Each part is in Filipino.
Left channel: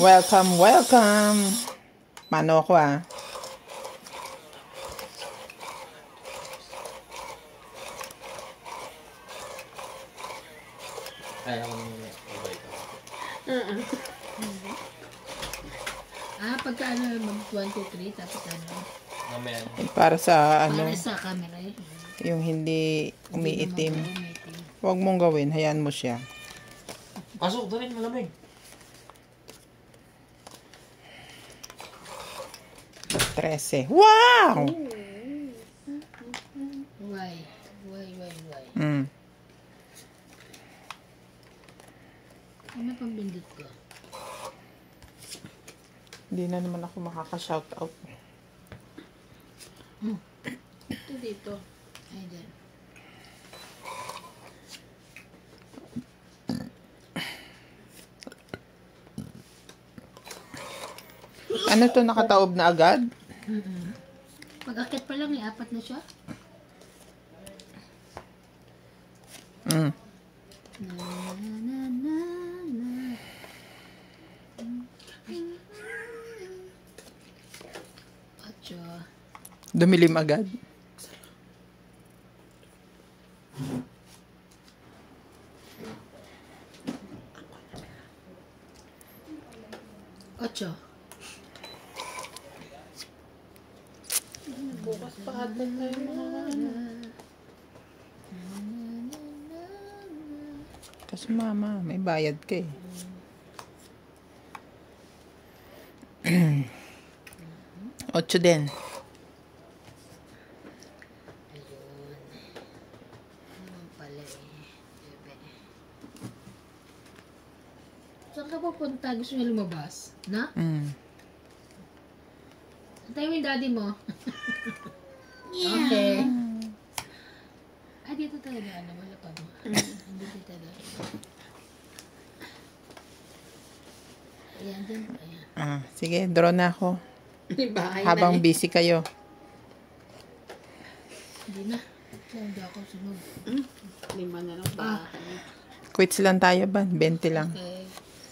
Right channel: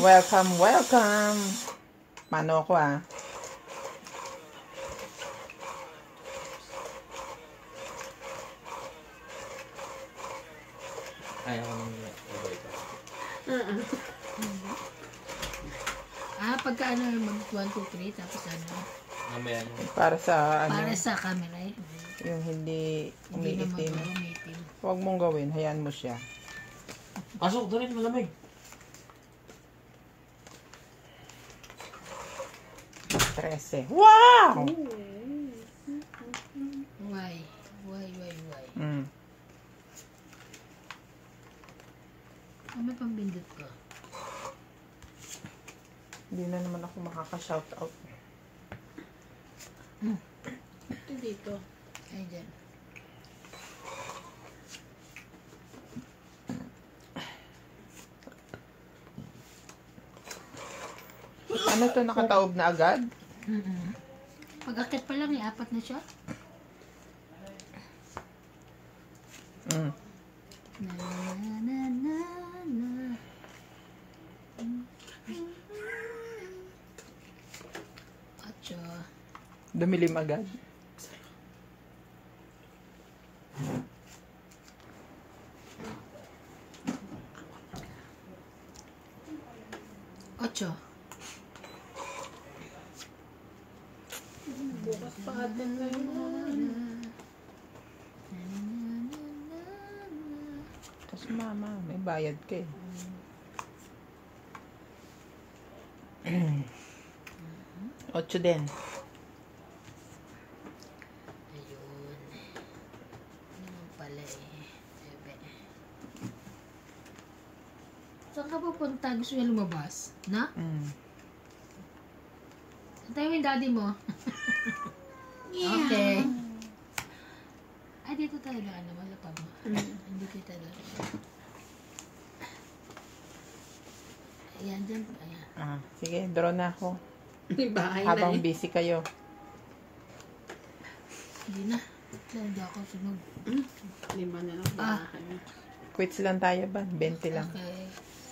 Welcome, welcome. Mano ako ah. Ay, ako naman ibay ko. Pagka ano, mag 1, 2, 3, tapos ano. Mamaya. Para sa ano, Para sa camera eh. yung hindi umiitim. Umiitim. Huwag mong gawin, hayaan mo siya. Pasok, doon rin malamig. 13. Wow! Why? Mm. Ano pang bindot ko? Hindi na naman ako makaka-shoutout. Ito dito. Ay, dyan. Ano to, nakataob na agad? Pag-akit pa lang, 4 na siya. Mm. Atso. Dumilim agad. Atso. Bukas pa ata tayo mga Kasi mama, may bayad ka eh. Ocho din. Saan ka pupunta? Gusto niya lumabas? Na? Antayin mo yung daddy mo. Okay. Ay, dito talaga. Ano, wala pa mo. Hindi dito talaga. Ayan, dyan. Ayan. Sige, draw na ako. bahay Habang na eh. busy kayo. Hindi na. Hindi ako sunod. 5 na lang bahay. Quits lang tayo ba? 20 lang. Okay.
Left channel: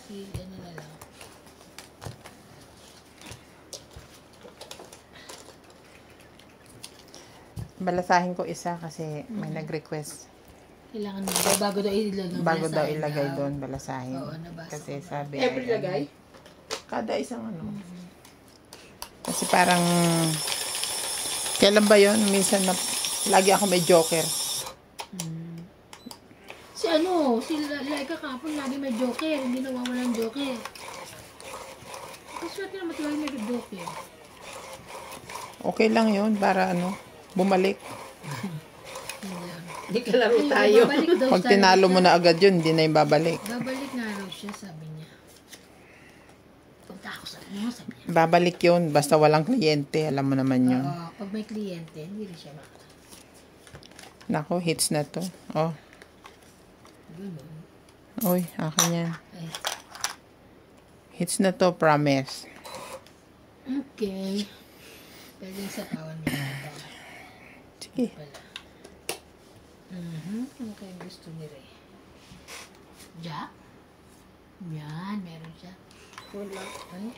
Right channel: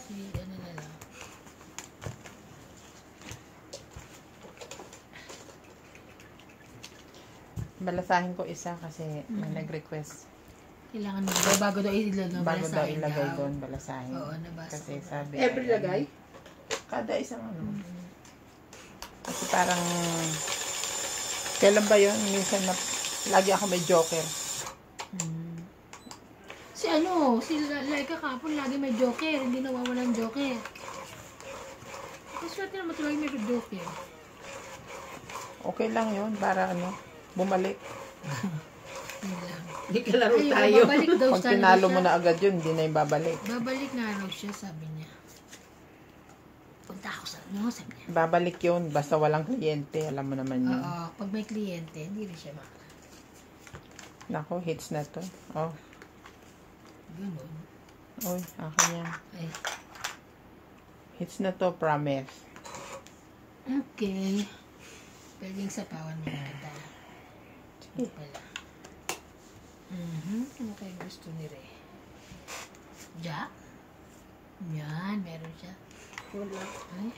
Si, ano na lang. Balasahin ko isa kasi may nag-request. Kailangan na. Bago daw ilagay. Bago daw ilagay doon, balasahin. Oo, nabasa Kasi ko. sabi... Every lagay? Kada isang ano. Kasi parang... Kailan ba yun? Minsan na... Lagi ako may joker. Si ano, si Laika kapon lagi may joker. Hindi nawawala ng joker. Kasi natin naman tuloy may joker. Okay lang yun para ano, bumalik. Hindi ka laro tayo. Babalik daw Pag siya. tinalo mo na agad yun, hindi na yung babalik. Babalik nga raw siya, sabi niya. Punta ako sa ano, sabi niya. Babalik yun, basta walang kliyente. Alam mo naman yun. Oo, pag may kliyente, hindi rin siya makakita. Nako, hits na to. Oh. Ganun. Uy, akin yan. Ay, Hits na to, promise. okay. Pwede sa pawan mo na. Sige. Pala. Ano kayo gusto ni Ray? Jack? Yan, meron siya. Wala. Ay.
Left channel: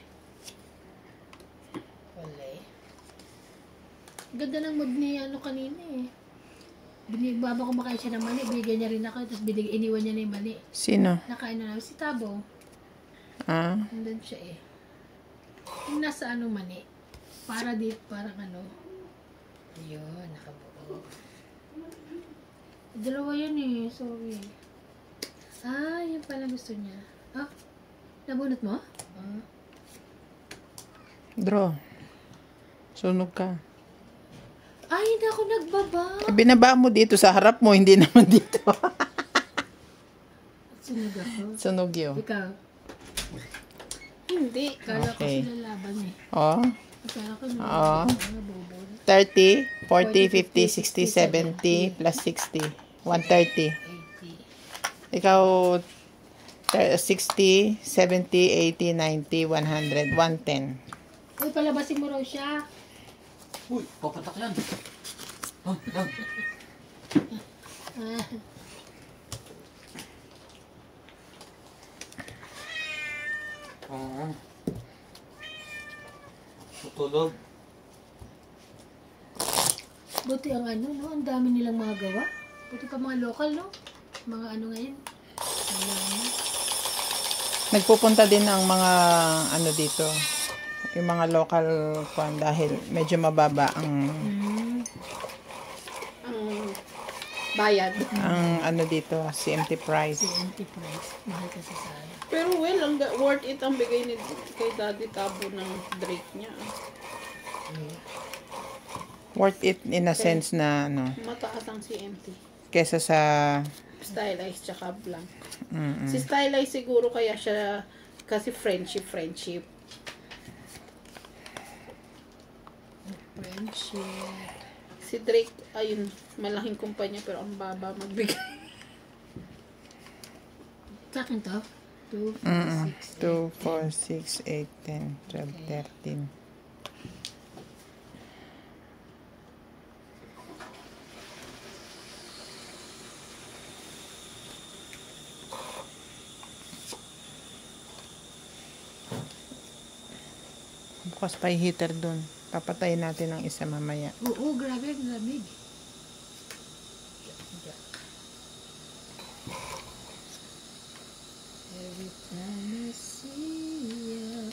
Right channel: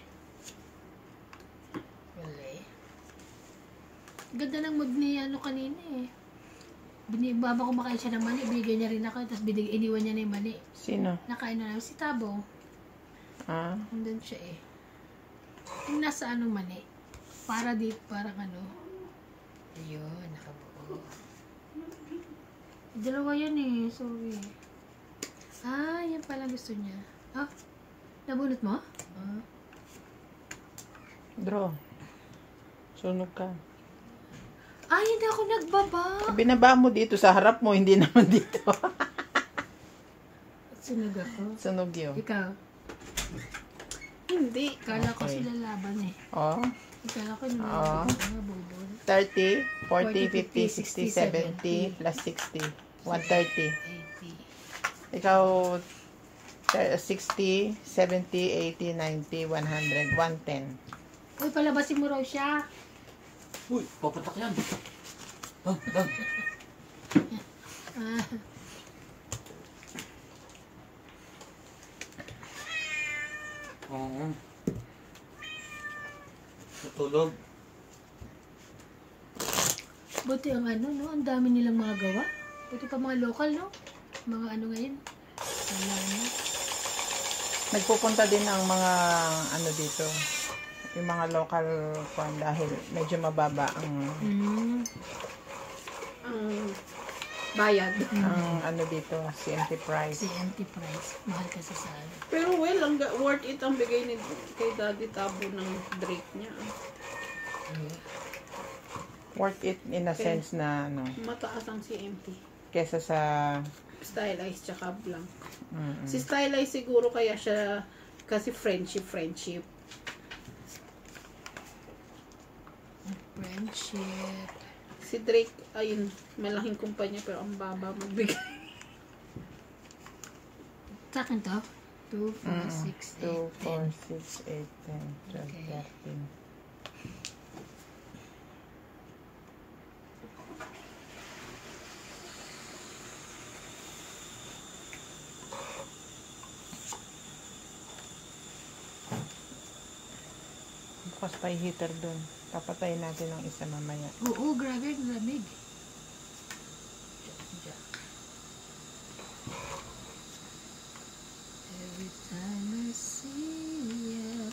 Wala eh. Ganda ng mag ni ano kanina eh. Baba ko makain siya ng mani, binigyan niya rin ako, tapos iniwan niya na yung mani. Sino? Nakain na namin si Tabo. Ah, Nandun siya eh. Yung nasa ano mani. Para di, parang ano. Ayun, nakabuo. Dalawa yun eh, sorry. Yan pala gusto niya. Nabunot mo? draw. Sunog ka. Hindi ako nagbaba. Binaba mo dito sa harap mo, hindi naman dito. Sunog ako. Sunog yun. Ikaw. Hindi. Kala ko Okay. sila laban eh. Oh. Kala ko Oo. bobo. 30, 40, 50, 60, 70, plus 60. 130. 80. Ikaw, 60, 70, 80, 90, 100, 110. Uy, palabasin mo raw siya. Uy, papatak yan. Oo. Matulog. Buti ang ano, no? Ang dami nilang mga gawa. Buti pa mga local, no? Mga ano ngayon. Wala na. Nagpupunta din ang mga ano dito, yung mga local farm dahil medyo mababa Ang bayad. ang ano dito, CMT price. Si Enterprise. Mahal kasi sa ano. Pero well, worth it ang bigay ni kay Daddy Tabo ng Drake niya. Worth it in a sense na ano, Mataas ang CMT. kesa sa Stylized tsaka blank. mm, Si Stylized siguro kaya siya kasi friendship. Friendship. Si Drake, ayun, malaking kumpanya pero ang baba magbigay. Sa akin to? 2, 4, 6, 2, 4, 6, 8, 10, 12, Okay. 13. Bukas pa yung heater dun. Papatayin natin ng isa mamaya. Oo, grabe, ang lamig. Every time I see you.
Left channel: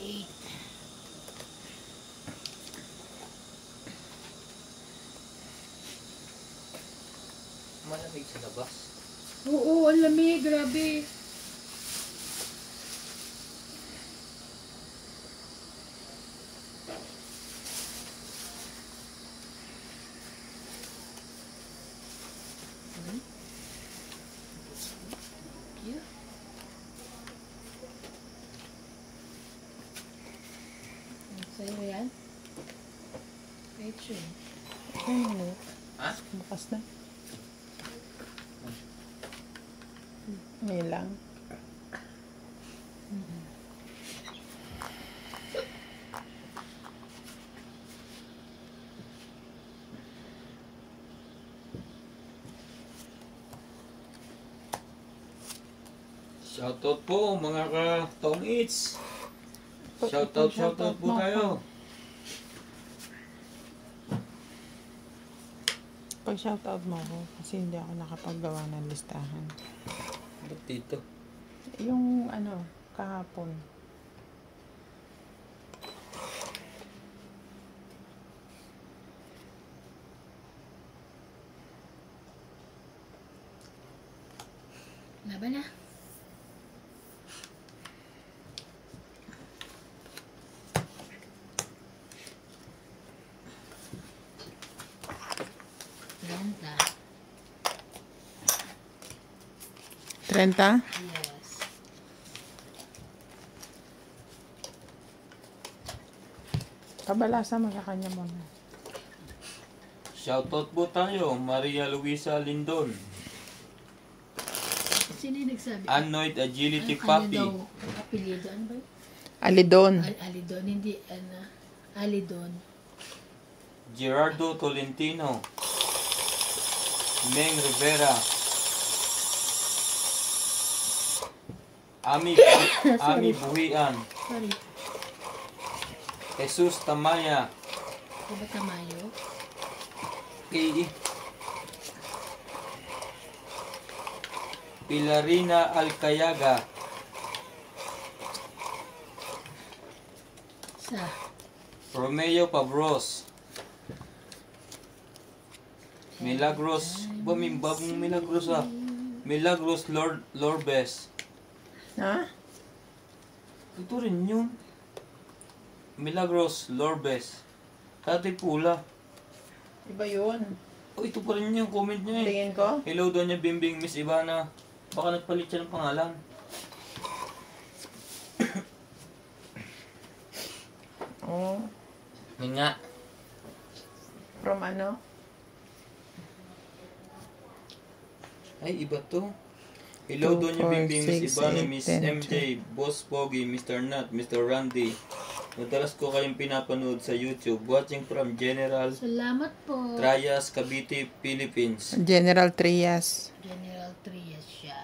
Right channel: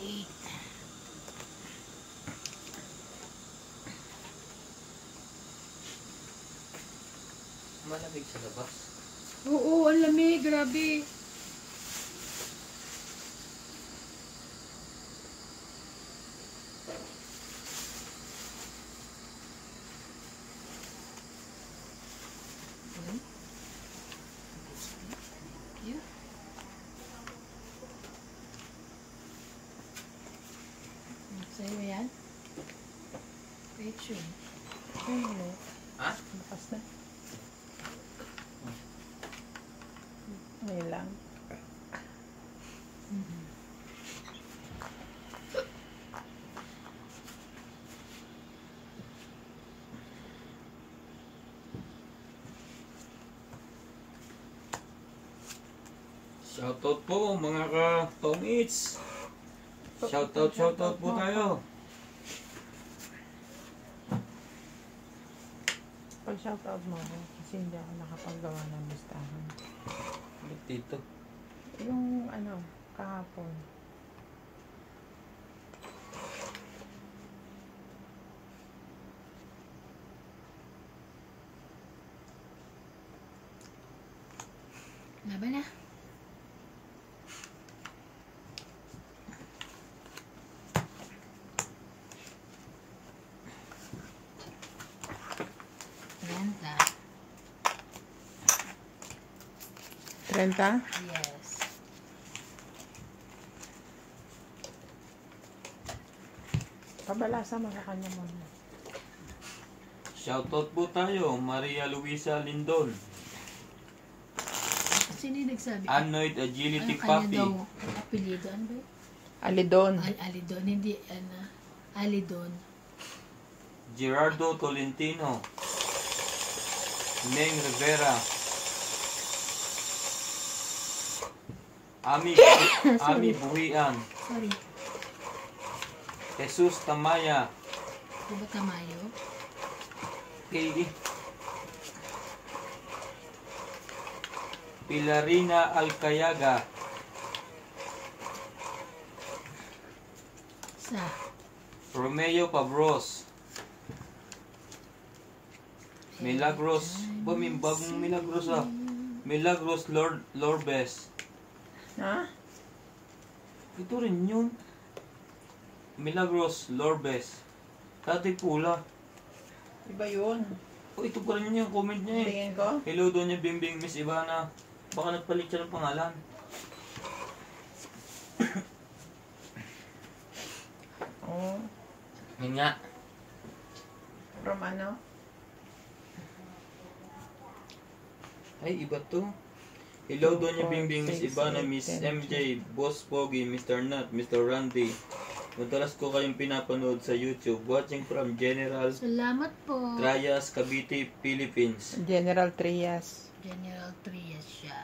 Eight. Malamig sa labas. Oo, ang lamig, grabe. Yeah. Sa'yo yan? Rachel. Ha? Bukas na. May lang. Shoutout po mga ka-Tongits. Shoutout po tayo. Pag shoutout mo ako, kasi hindi ako nakapagawa ng listahan. Ba't dito? Yung ano, kahapon. Laban na. Ganda. 30? Yes. Pabalasan mo sa kanya muna. Shoutout po tayo, Maria Luisa Lindon. Sino yung nagsabi? Anoid Agility Ano Papi. daw? Apelyido? Ano ba? Alidon. Alidon. Hindi, ano. Alidon. Gerardo Tolentino. Meng Rivera. Ami Buhian. Sorry. Jesus Tamaya. Diba Tamayo? Kay Pilarina Alcayaga. Sa. Romeo Pabros. Milagros. Bagong Milagros ah. Milagros Lorbes. Ha? Ito rin yun. Milagros Lorbes. Dati pula. Iba yun. Oh, ito pa rin yung comment niya eh. Tingin ko. Hello doon niya Bimbing Miss Ivana. Baka nagpalit siya ng pangalan. Oh, Yun nga. from ano? Ay, iba to. Hello, 2, Doña 4, Bingbing, Miss 6, Ivana, 8, Miss 10, MJ, Boss Pogi, Mr. Nat, Mr. Randy. Madalas ko kayong pinapanood sa YouTube. Watching from General Salamat po. Trias, Cavite, Philippines. General Trias. General Trias siya.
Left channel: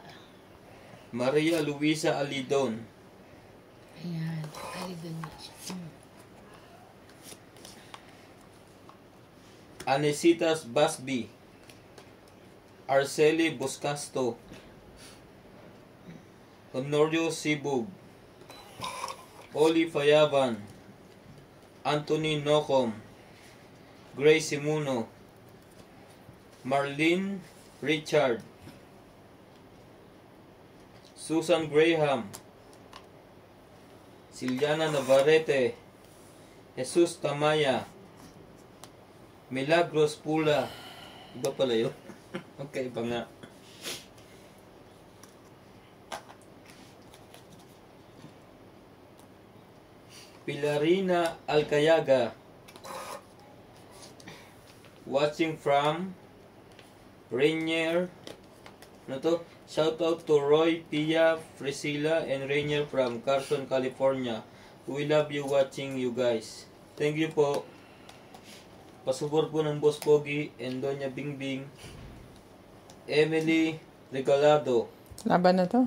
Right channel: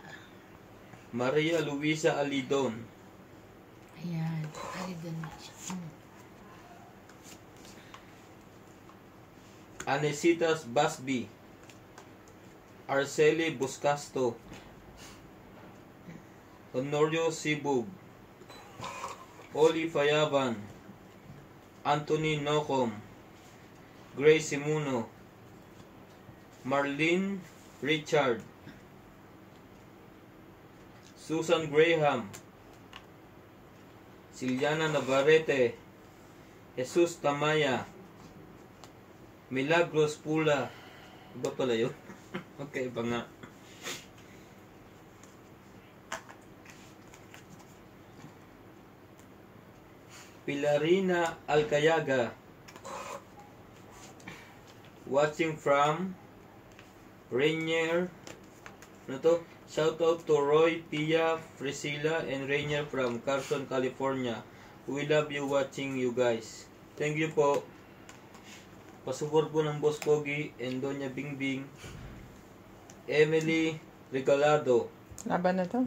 Maria Luisa Alidon. Ayan. Ay, doon na siya. Anesitas Basby. Arceli Buscasto. Honorio Sibug. Oli Fayaban. Anthony Nocom. Grace Simuno. Marlene Richard. Susan Graham. Siliana Navarrete. Jesus Tamaya. Milagros Pula. Iba pala yun? Okay, iba nga. Pilarina Alcayaga. Watching from Rainier. Ano to? Shout out to Roy, Pia, Priscilla, and Rainier from Carson, California. We love you watching you guys. Thank you po. Pasuport po ng Boss Pogi and Doña Bingbing. Emily Regalado. Laban na to.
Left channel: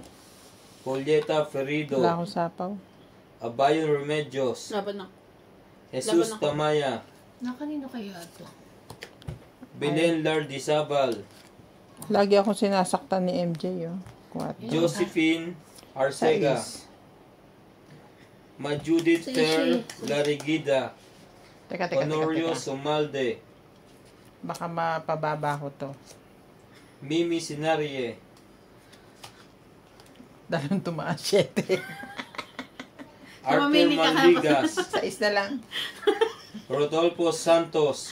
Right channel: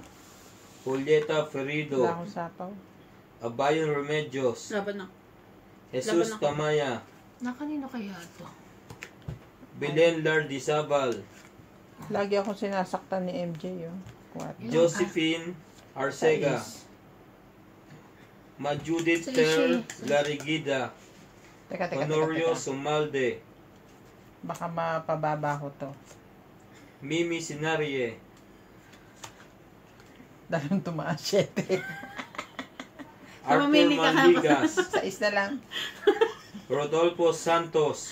Julieta Ferido. Wala akong sapaw. Abayon Remedios. Laban na. Jesus Laban ako. Tamaya. Na kanino kaya ito? Belen Lardizabal. Lagi akong sinasaktan ni MJ, oh. 4. Josephine Arcega. Majudith Ter Larigida. Teka. Honorio Sumalde. Baka mapababa ko to. Mimi Sinarie. Dahil tumaas 7. Arthur Mamili ka Manligas. 6 na lang. Rodolfo Santos.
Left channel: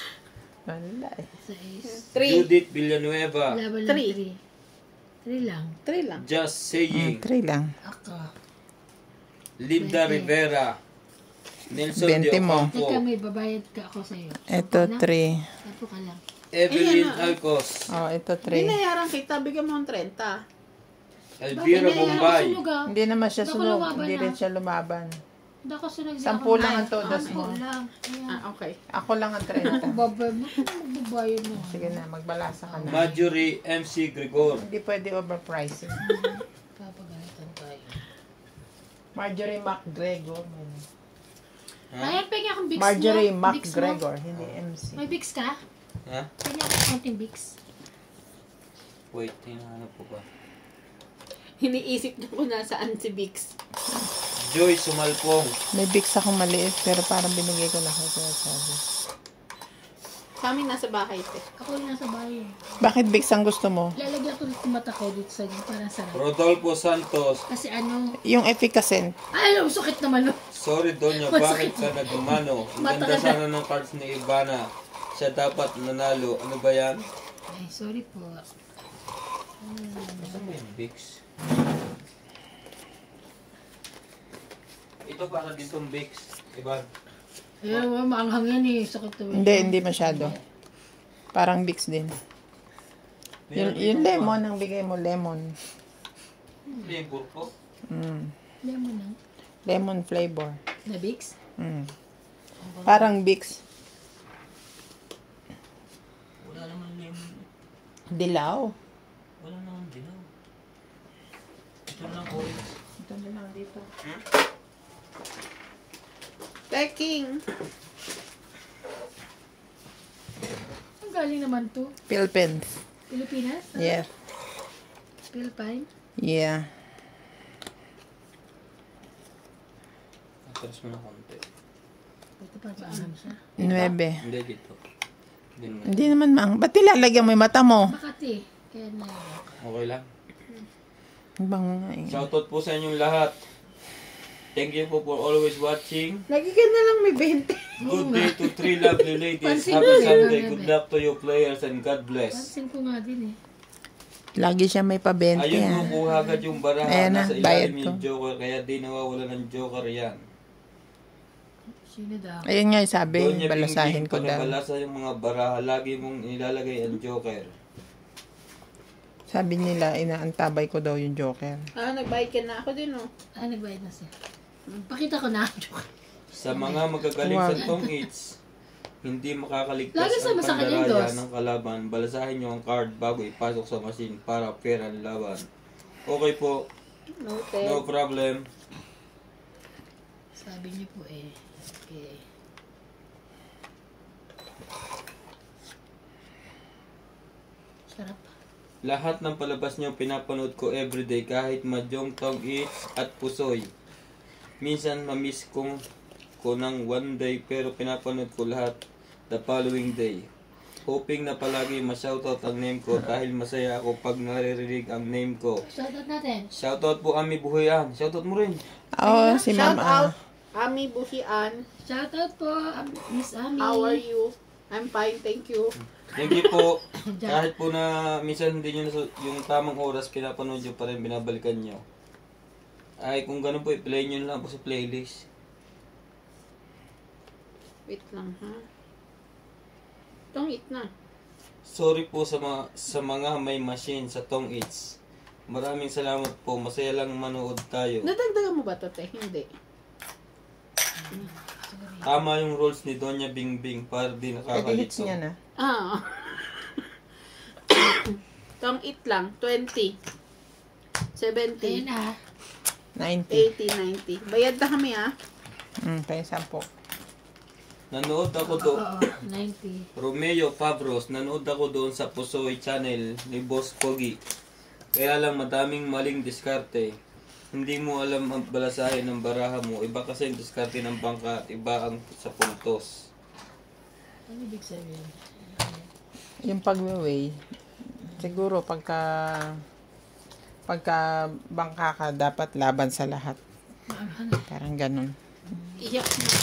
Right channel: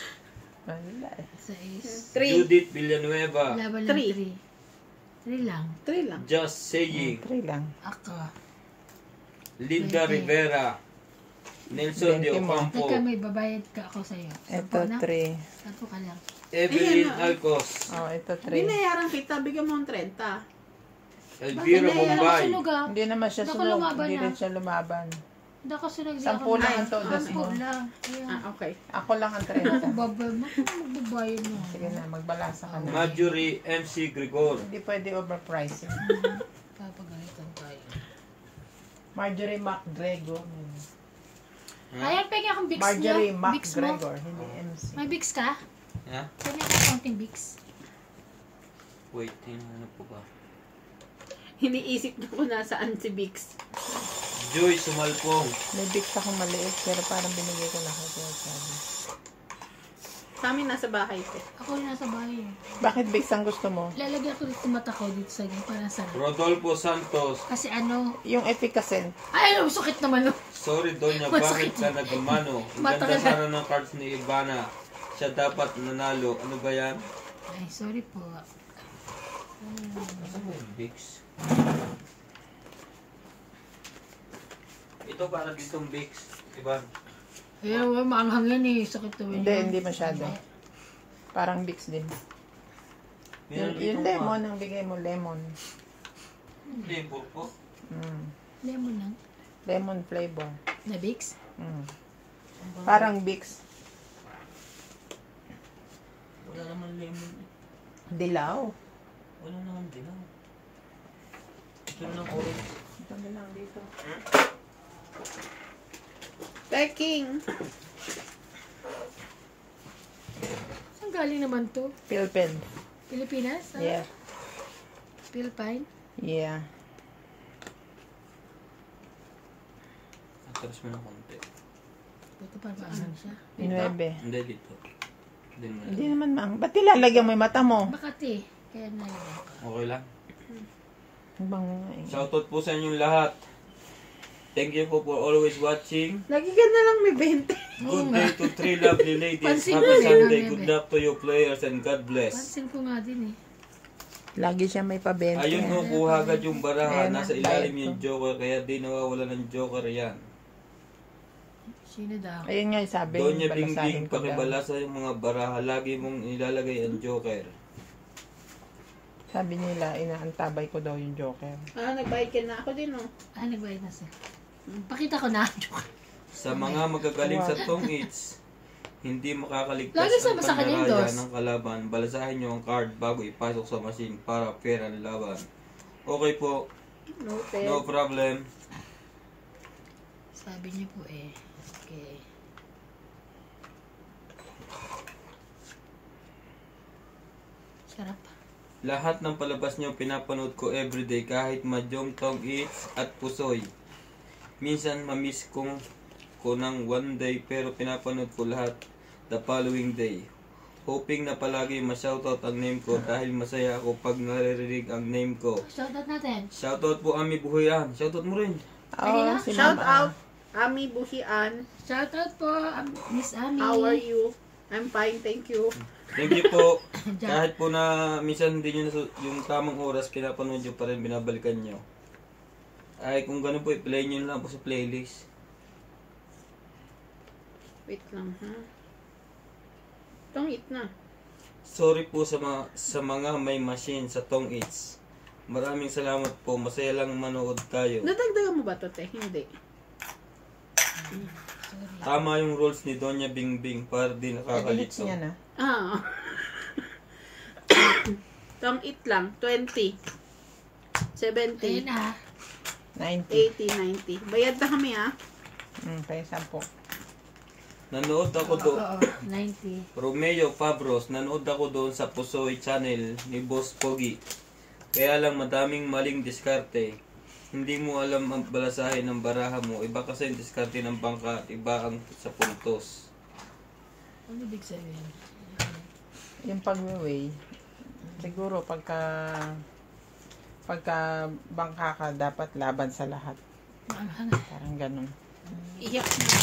Wala eh. 6. 3. Judith Villanueva. Laban lang Three. 3. 3 lang. 3 lang. Just Saying. 3 lang. Ako. Linda Rivera. Nelson De 20 mo. Ocampo. Teka, may babayad ka ako sa'yo. Ito, 3. Tato ka lang. Evelyn Ilan na? Alcos. Oh, ito 3. Binayaran kita, bigyan mo ng 30. Elvira Bakit Bombay. sunog ah? Hindi naman siya Baka sunog. lumaban Hindi na. rin siya lumaban. Hindi ako sunog. 10 lang ang todas Sampu mo. lang. Ayan. Ah, okay. Ako lang ang 30. Babay mo. Magbabayad na. Sige na, magbalasa ka na. Marjorie MC Gregor. Hindi pwede overpricing. Papaganitong tayo. Marjorie McGregor. Ayan, pengi akong Bix Marjorie mo. Bix mo. McGregor, hindi MC. May Bix ka? Ha? Pengi akong konting Bix. Wait, ano po ba? Hiniisip niyo kung nasaan si Bix. Joy Sumalpong. May Bix akong maliit, pero parang binigay ko na sa sinasabi. Sa amin nasa bahay ko. Ako yung nasa bahay. Bakit Bix ang gusto mo? Lalagyan ko ng mata ko dito sa para sa Rodolfo Santos. kasi ano, Yung efficacy. ay, ano, sakit naman. Sorry, Donya, bakit ka nagmano? Ang Mata ganda ka sana ng cards ni Ivana. Siya dapat manalo. Ano ba yan? Ay, sorry po. Ano ba yung Bix? Ito para ditong Bix. Diba? Eh, maanghang yan eh. Sakit to. Hindi masyado. Parang Bix din. Yung lemon, ang bigay mo, lemon. Hindi, yung purpo. Lemon lang. Lemon flavor. Na Bix? Parang Bix. Wala naman lemon. Dilaw. Wala naman dilaw. Ito na orange. Ito na lang dito. Teking. Saan galing naman to? Philippines. Pilipinas? Ano? Yeah. Philippine? Yeah. Atras mo ng konti. Ito pa paanghang siya. 9. Hindi, dito. Hindi naman mang. Ba't nilalagyan mo yung mata mo? Makati. Kaya na yun. Okay lang. Bang, eh. Shoutout po sa inyong lahat. Thank you po for always watching. Lagi ka na lang may 20. Good day to 3 lovely ladies. Pansin Happy ko yun, Sunday. Bebe. Good luck to you players and God bless. Pansin ko nga din eh. Lagi siya may pa-20. Ayun mo, kuha agad yung baraha. Ayan na, Nasa bayad ilalim yung ko. joker. Kaya di nawawala ng joker yan. Sino daw? Ayun nga yung sabi, Doon niya balasahin Bingbing, ko daw. pakibalasa yung mga baraha. Lagi mong ilalagay ang joker. Sabi nila, inaantabay ko daw yung Joker. Nagbayad ka na ako din, oh. Nagbayad na siya. Pakita ko na. Joke. Sa mga magagaling sa tong its, hindi makakaligtas Lagi ang sama sa kanyang pandaraya dos. ng kalaban. Balasahin nyo ang card bago ipasok sa machine para pera ng laban. Okay po, Noted. no problem. Sabi niyo po eh. Okay. Sarap. Lahat ng palabas nyo pinapanood ko everyday kahit madyong tong its at pusoy. Minsan mamiss ko ng one day pero pinapanood ko lahat the following day. Hoping na palagi ma-shoutout ang name ko dahil masaya ako pag naririnig ang name ko. Shoutout natin. Shoutout po Ami Buhayan. Shoutout mo rin. Oo, si Shout Mama. out, Ami Buhian. Shoutout po, Miss Ami. How are you? I'm fine, thank you. Thank you po. Kahit po na minsan hindi nyo yung tamang oras pinapanood nyo pa rin binabalikan nyo. Ay kung ganun po i-play nyo lang po sa playlist. Wait lang, ha? Tong it na. Sorry po sa mga may machine sa tong its. Maraming salamat po. Masaya lang manood tayo. Nadagdagan mo ba to, te? Hindi. Tama yung rules ni Doña Bingbing para di I-delete nakakalito. niya na. Tong it lang. 20. 70. Ayun na ha. 90. 80, 90. Bayad na kami, ha? Tayo 10. Nanood ako doon. Oo, 90. Romeo Fabros, nanood ako doon sa Pusoy Channel ni Boss Pogi. Kaya lang madaming maling diskarte. Hindi mo alam ang balasahin ng baraha mo. Iba kasi yung diskarte ng bangka at iba ang sa puntos. Ano ibig sabihin? Yung pag-weigh, siguro pagka bangka ka, dapat laban sa lahat. Parang ganun. Iyak na.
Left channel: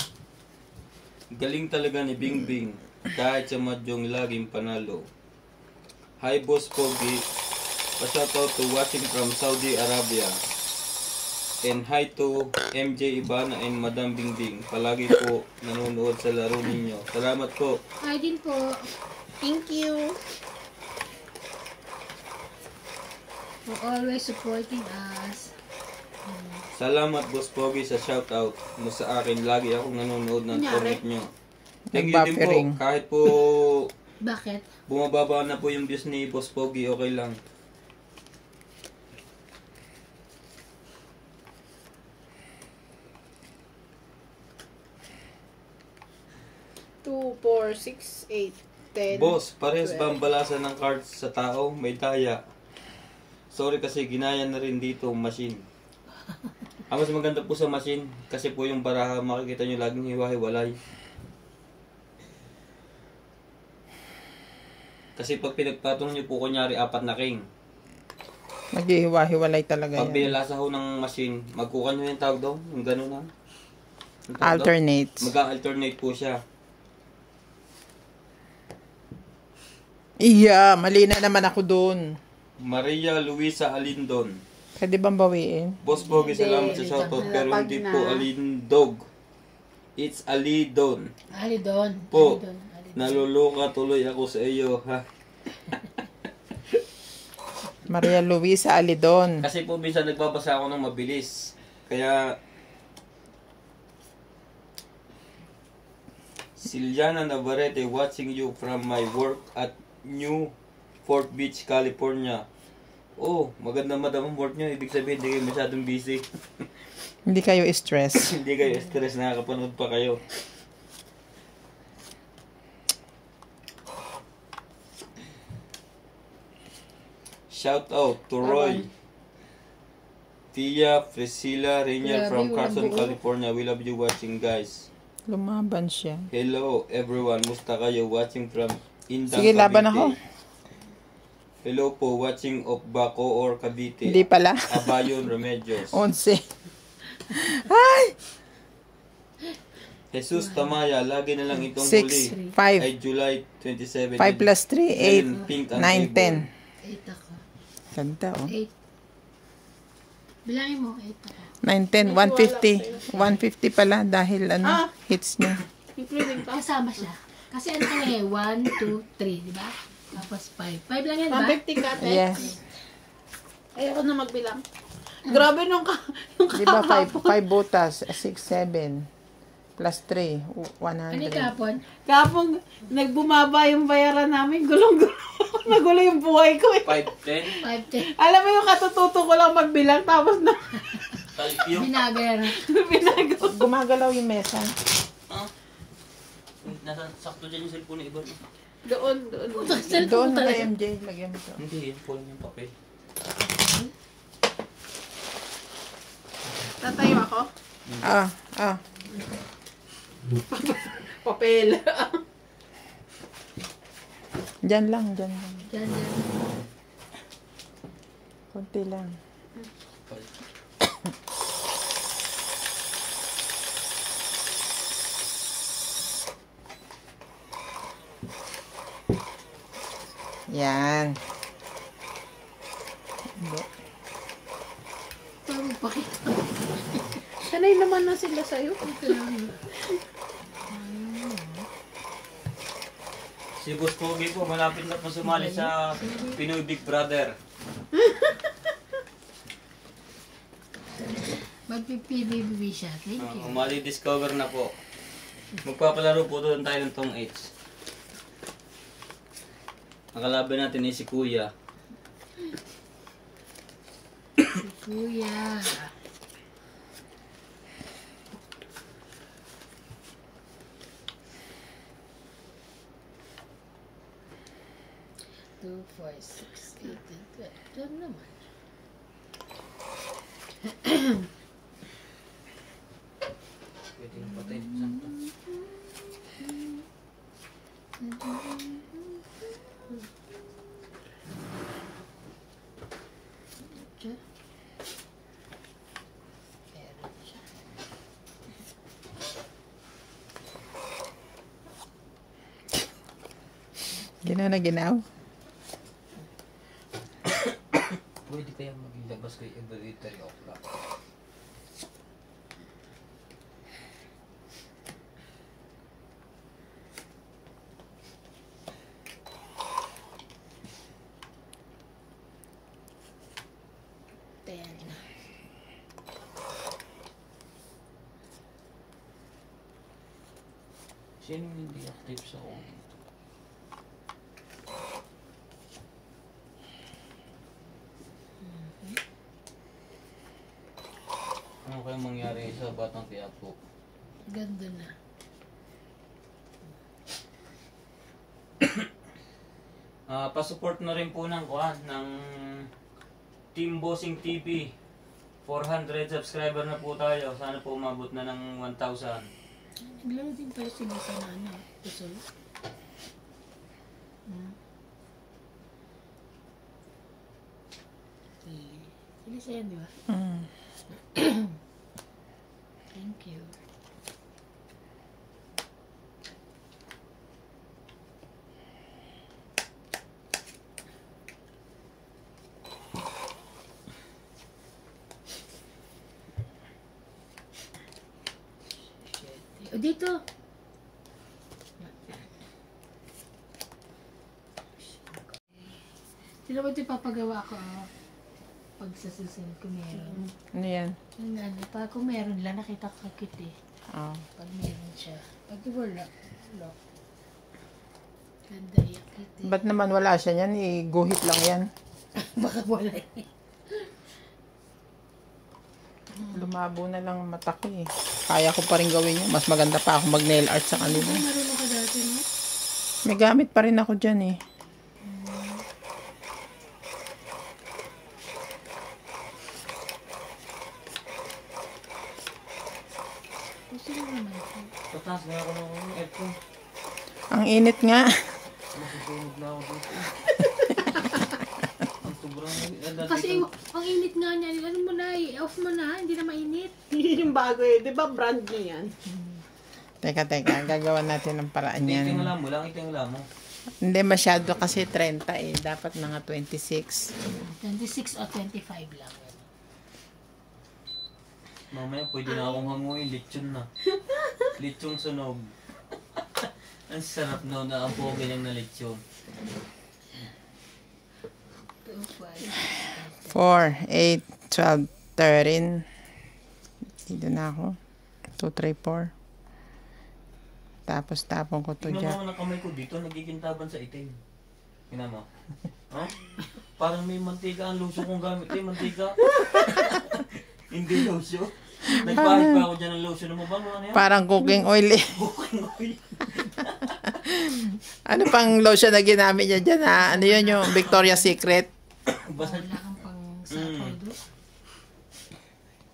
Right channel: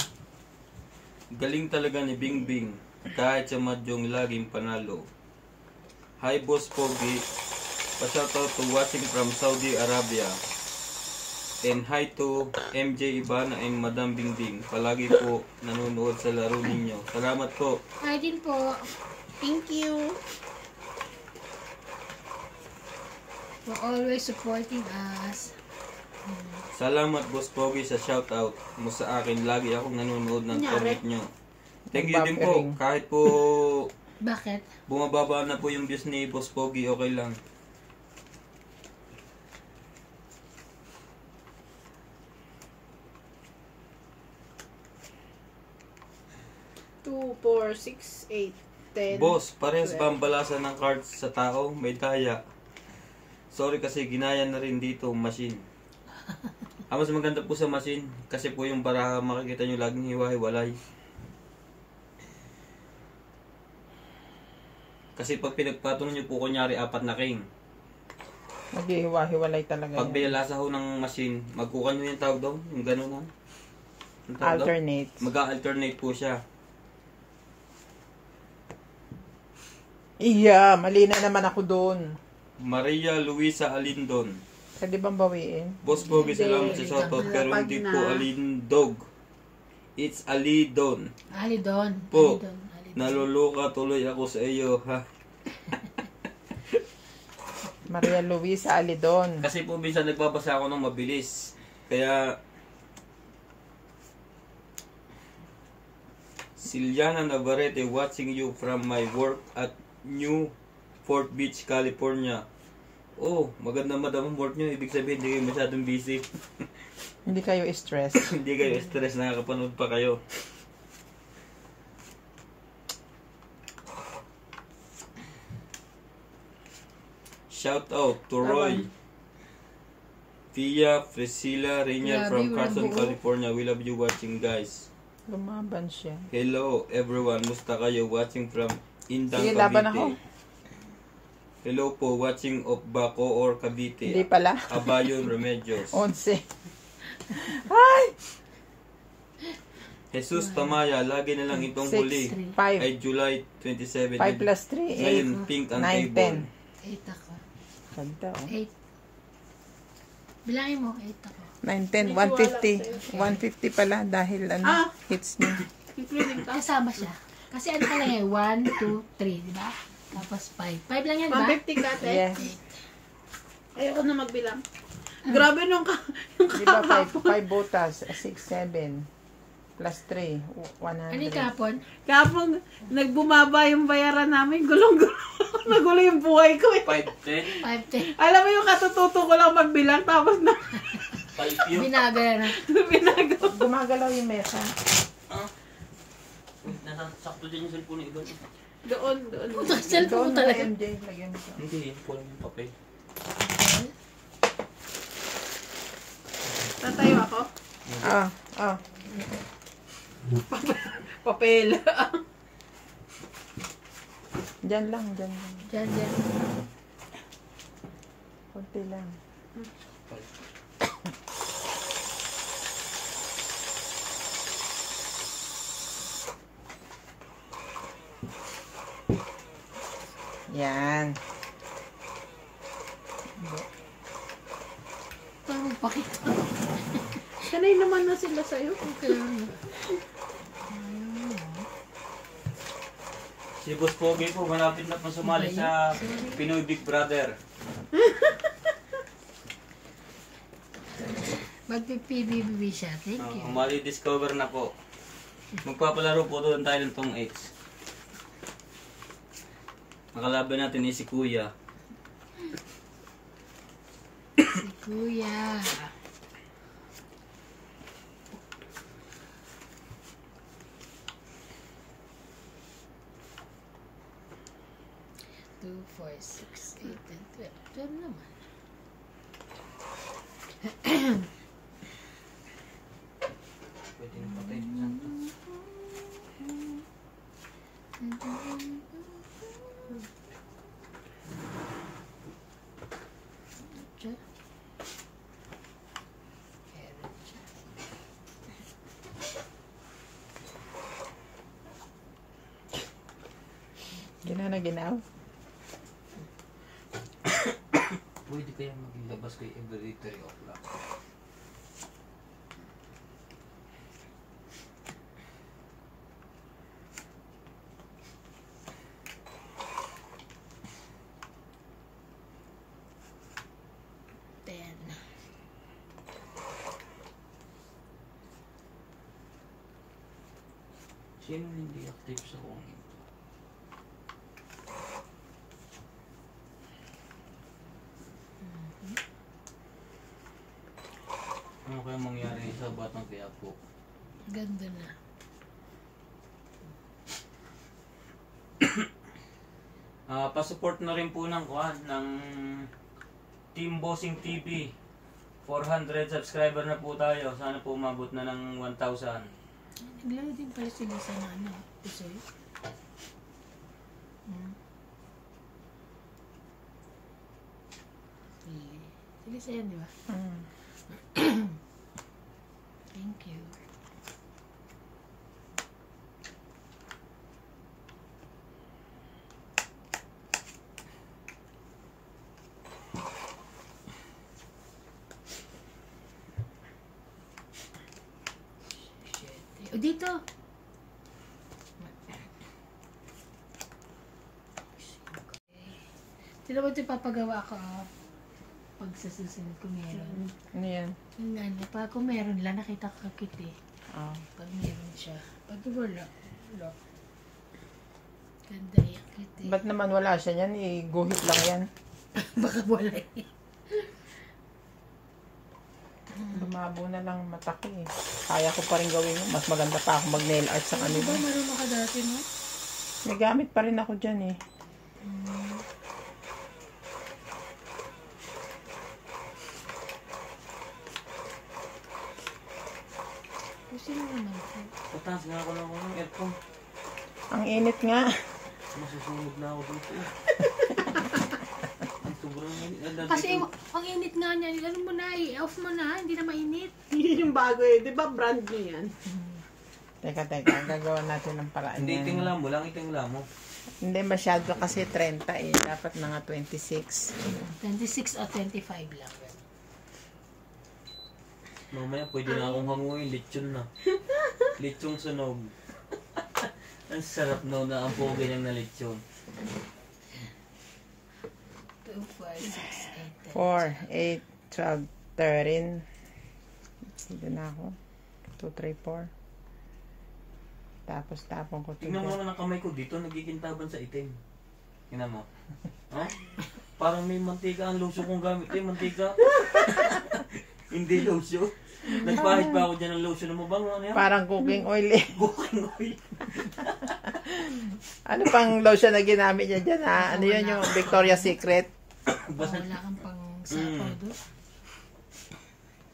Galing talaga ni Bingbing. Kahit sa madyong laging panalo. Hi Boss Pogi. Pa-shoutout to watching from Saudi Arabia. And hi to MJ Ibana and Madam Bingbing. Palagi po nanonood sa laro ninyo. Salamat po. Hi din po. Thank you. For always supporting us. Salamat Boss Pogi sa shoutout mo sa akin. Lagi akong nanonood ng Kunyari. comment nyo. Thank you din po. Nag-buffering. Kahit po Bakit? bumababa na po yung views ni Boss Pogi, okay lang. Two, 4, 6, 8, 10. Boss, parehas ba ang balasan ng cards sa tao? May daya. Sorry kasi ginaya na rin dito ang machine. Ang mas maganda po sa machine kasi po yung baraha makikita nyo laging hiwa-hiwalay. Kasi pag pinagpatong nyo po kunyari 4 na king. Maghihiwa-hiwalay talaga Pag yan. binalasa ho ng machine, magkukan nyo yung tawag daw, yung gano'n na. Alternate. Mag-alternate po siya. Iya, mali na naman ako doon. Maria Luisa Alindon. Pwede bang bawiin? Boss Pogi, Hindi, salamat sa shoutout pero lapag hindi na. po Alindog. It's Alidon. Ali doon. Po. Ali doon. Naluluka tuloy ako sa iyo, ha? Maria Luisa Alidon. Kasi po minsan nagbabasa ako ng mabilis. Kaya Siliana Navarrete watching you from my work at New Fort Beach, California. Oh, maganda madam ang work nyo. Ibig sabihin, hindi kayo masyadong busy. Hindi kayo stress. Hindi kayo stress, nakakapanood pa kayo. Shout out to Roy, Tia, Priscilla, Rainier from Carson, California. We love you watching, guys. Lumaban siya. Hello everyone, musta kayo watching from Indang, Sige, Cavite? laban ako. Hello po, watching of Baco or Cavite. Hindi pala. Abayon Remedios. 11. Ay! Jesus Tamaya, lagi na lang itong 6, huli. 5. Ay July 27. 5 plus 3, Ngayon, 8. pink ang 9, table. 8 ako. Ganda, oh. 8. Bilangin mo, 8 ako. 9, 10, 150. 150 pala dahil hits niya. Including pa. Kasama siya. Kasi ano ka lang eh, 1, 2, 3, di ba? Tapos 5. 5 lang yan, di ba? 150 ka, te. Yes. Ayoko na magbilang. Grabe nung Di ba 5 kahapon. butas, 6, 7, plus 3, Ano 100. kapon? Kahapon, nagbumaba yung bayaran namin. Gulong-gulo. Nagulo yung buhay ko eh. 510. 510. Alam mo yung katututo ko lang magbilang tapos na Type yun. Binagay na. binago. Gumagalaw yung mesa. Sakto dyan yung cellphone ni Iba. Doon. Cellphone Doon mo na talaga. MJ, lagyan mo. Hindi, yun po yung papel. Tatayo ako. Ah. Papel. Diyan lang. Diyan. Kunti lang. Yan. Parang pakita. Sanay naman na sila sa'yo. Si Boss Pogi po, malapit na po sumali sa Pinoy Big Brother. Magpipibibib siya. Thank you. Umali discover na po. Magpapalaro po doon tayo ng tong X. Ang kalaban natin ay si Kuya. Kuya. Two, 4, 6, 8, and 12. 12 naman. Pwede na patay. Siya. Meron siya. Ginaw na ginaw. Pwede kaya maglabas kay inventory of luck. Ten. Sino hindi active sa kung ito? Ano kaya mangyari sa Batang Quiapo? Ganda na. Pa-support na rin po ng Team Bossing TV. 400 subscriber na po tayo. Sana po umabot na ng 1,000. Naglaro din pala sila sa ano. Pusoy. Sila sa'yo, di ba? Mm. Thank you. O, dito. Sila ko ito papagawa ko. Pag sa susunod ko meron. Ano yan? Yung ano, pag kung meron lang, nakita ka cute eh. Oh. Pag meron siya. Pag wala, lock. Ganda yan, cute eh. Ba't naman wala siya yan? Guhit lang yan. Baka wala eh. Lumabo na lang ang mata ko eh. Kaya ko pa rin gawin yun. Mas maganda pa ako mag-nail art sa Ano ba kanila. marunong ka dati, no? May gamit pa rin ako dyan eh. Gusto mo naman. Pataas nga ako ng aircon. Ang init nga. Masusunod na ako dito. Ang sobrang Kasi ang init nga niya, ano mo na, off mo na, hindi na mainit. Yung bago eh. Di ba brand niya yan? Teka. Gagawa natin ng paraan Hindi, yan. itingala mo lang, itingala mo. Hindi masyado kasi 30 eh. Dapat mga 26. 26 o 25 lang. Mamaya pwede na akong hanguin, lechon na. Lechong sunog. Ang sarap no na ang pogi niyang na lechon. 2, 5, 6, 4, 8, 12, 13. Dito na ako. 2, 3, 4. Tapos tapon ko to Tingnan mo dyan. naman ang kamay ko dito, nagikintaban sa itim. Tingnan mo. Ha? Parang may mantika ang lotion kong gamit. Mantika. Hindi lotion. Nagpahit pa ako dyan ng lotion. Ano ba? Ano yan? Parang cooking oil eh. Cooking oil. Ano pang lotion na ginamit niya dyan ha? Ano yun yung Victoria's Secret? Wala kang pang sapal doon.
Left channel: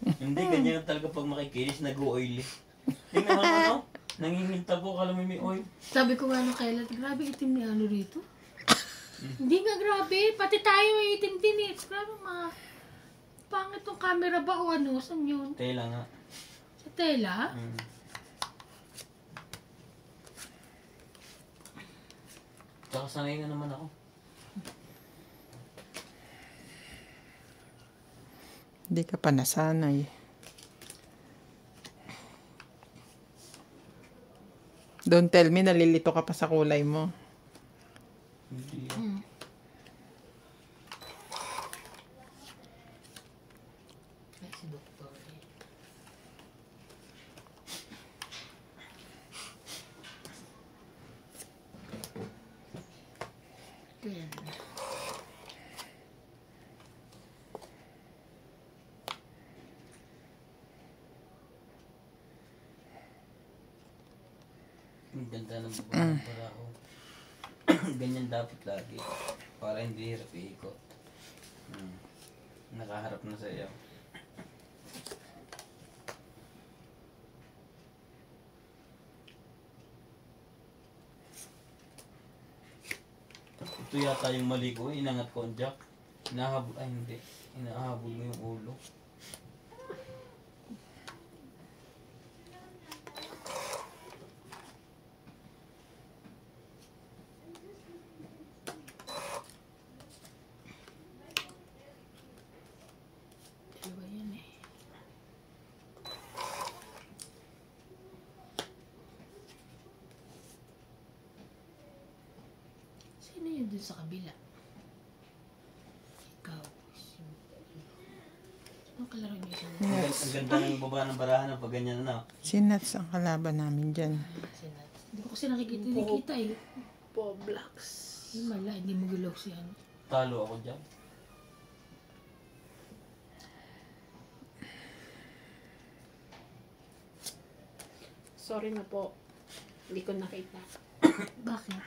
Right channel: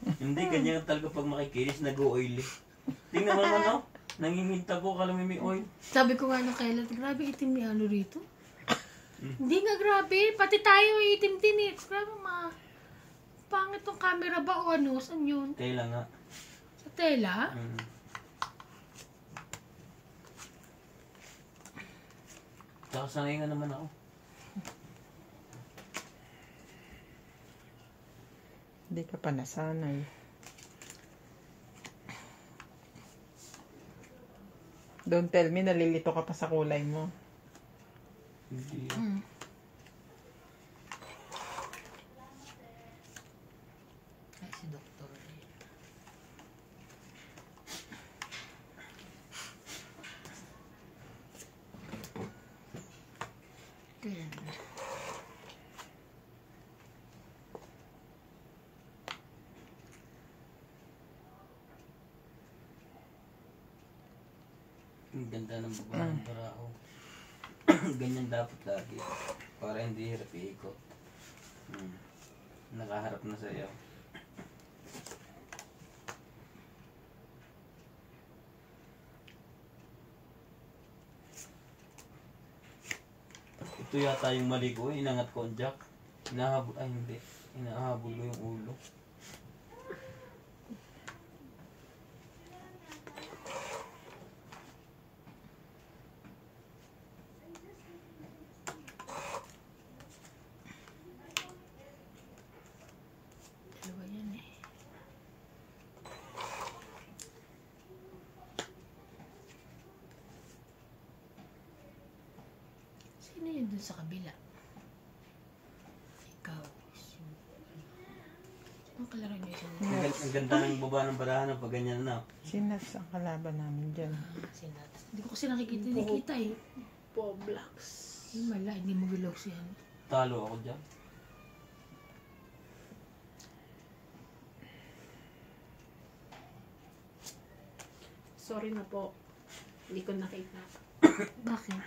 Hindi, ganyan talaga pag makikinis, nag-oily. Tingnan mo ano? Nanginginta po, kala mo may oil. Sabi ko nga nung kailan, grabe itim ni ano rito. Hindi nga grabe, pati tayo may itim din eh. Grabe pangit tong camera ba o ano? Saan yun? Tela nga. Sa tela? Tsaka sanay nga naman ako. Hindi ka pa nasanay. Don't tell me, nalilito ka pa sa kulay mo. Hindi. Si doktor eh. Kaya na. Ang ganda ng babae para ako. Ganyan dapat lagi. Para hindi hirap iikot. Nakaharap na sa iyo. Ito yata yung mali ko. Inangat ko ang jack. Inahabol. Ay hindi. Inahabol ko yung ulo. Ano ba yan eh? Sino yun dun sa kabila? Ikaw. Sino kalaro niyo siya? Ang ganda ng baba ng barahan pag ganyan na. Si Nats ang kalaban namin dyan. Hindi ko kasi nakikita eh. Poblax. Wala, hindi mo gulaw siya. Talo ako dyan. Sorry na po. Hindi ko nakita. Bakit?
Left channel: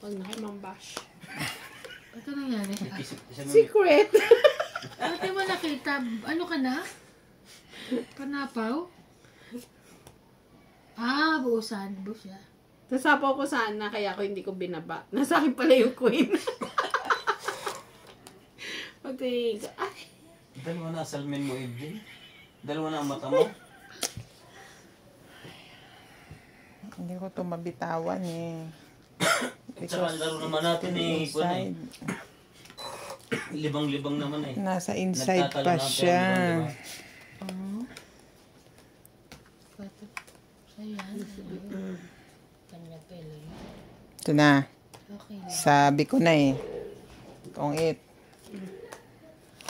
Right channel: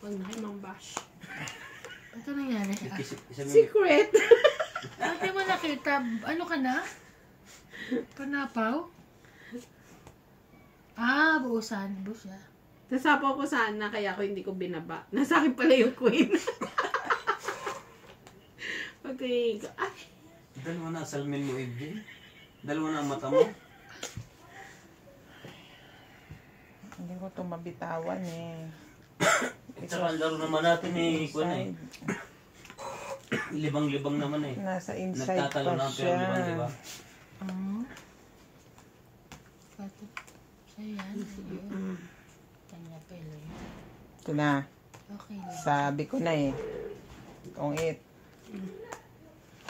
Huwag na kayo mambash. Ano nangyari? Secret! Ate mo nakita, ano ka na? Panapaw? Buusan. Buus siya. Nasapaw ko sana, kaya ako hindi ko binaba. Nasa akin pala yung queen. Pagtingin ko, ay! Dalawa na salmin mo, MJ. Dalawa na ang mata mo. Hindi ko ito mabitawan eh. At saka ang laro naman natin eh. Inside. Libang-libang naman eh. Nasa inside Nagtatalo pa na ang siya. pero libang, diba? Oo. So yan. Kanya pala. Ito na. Okay lang. Sabi ko na eh. Kung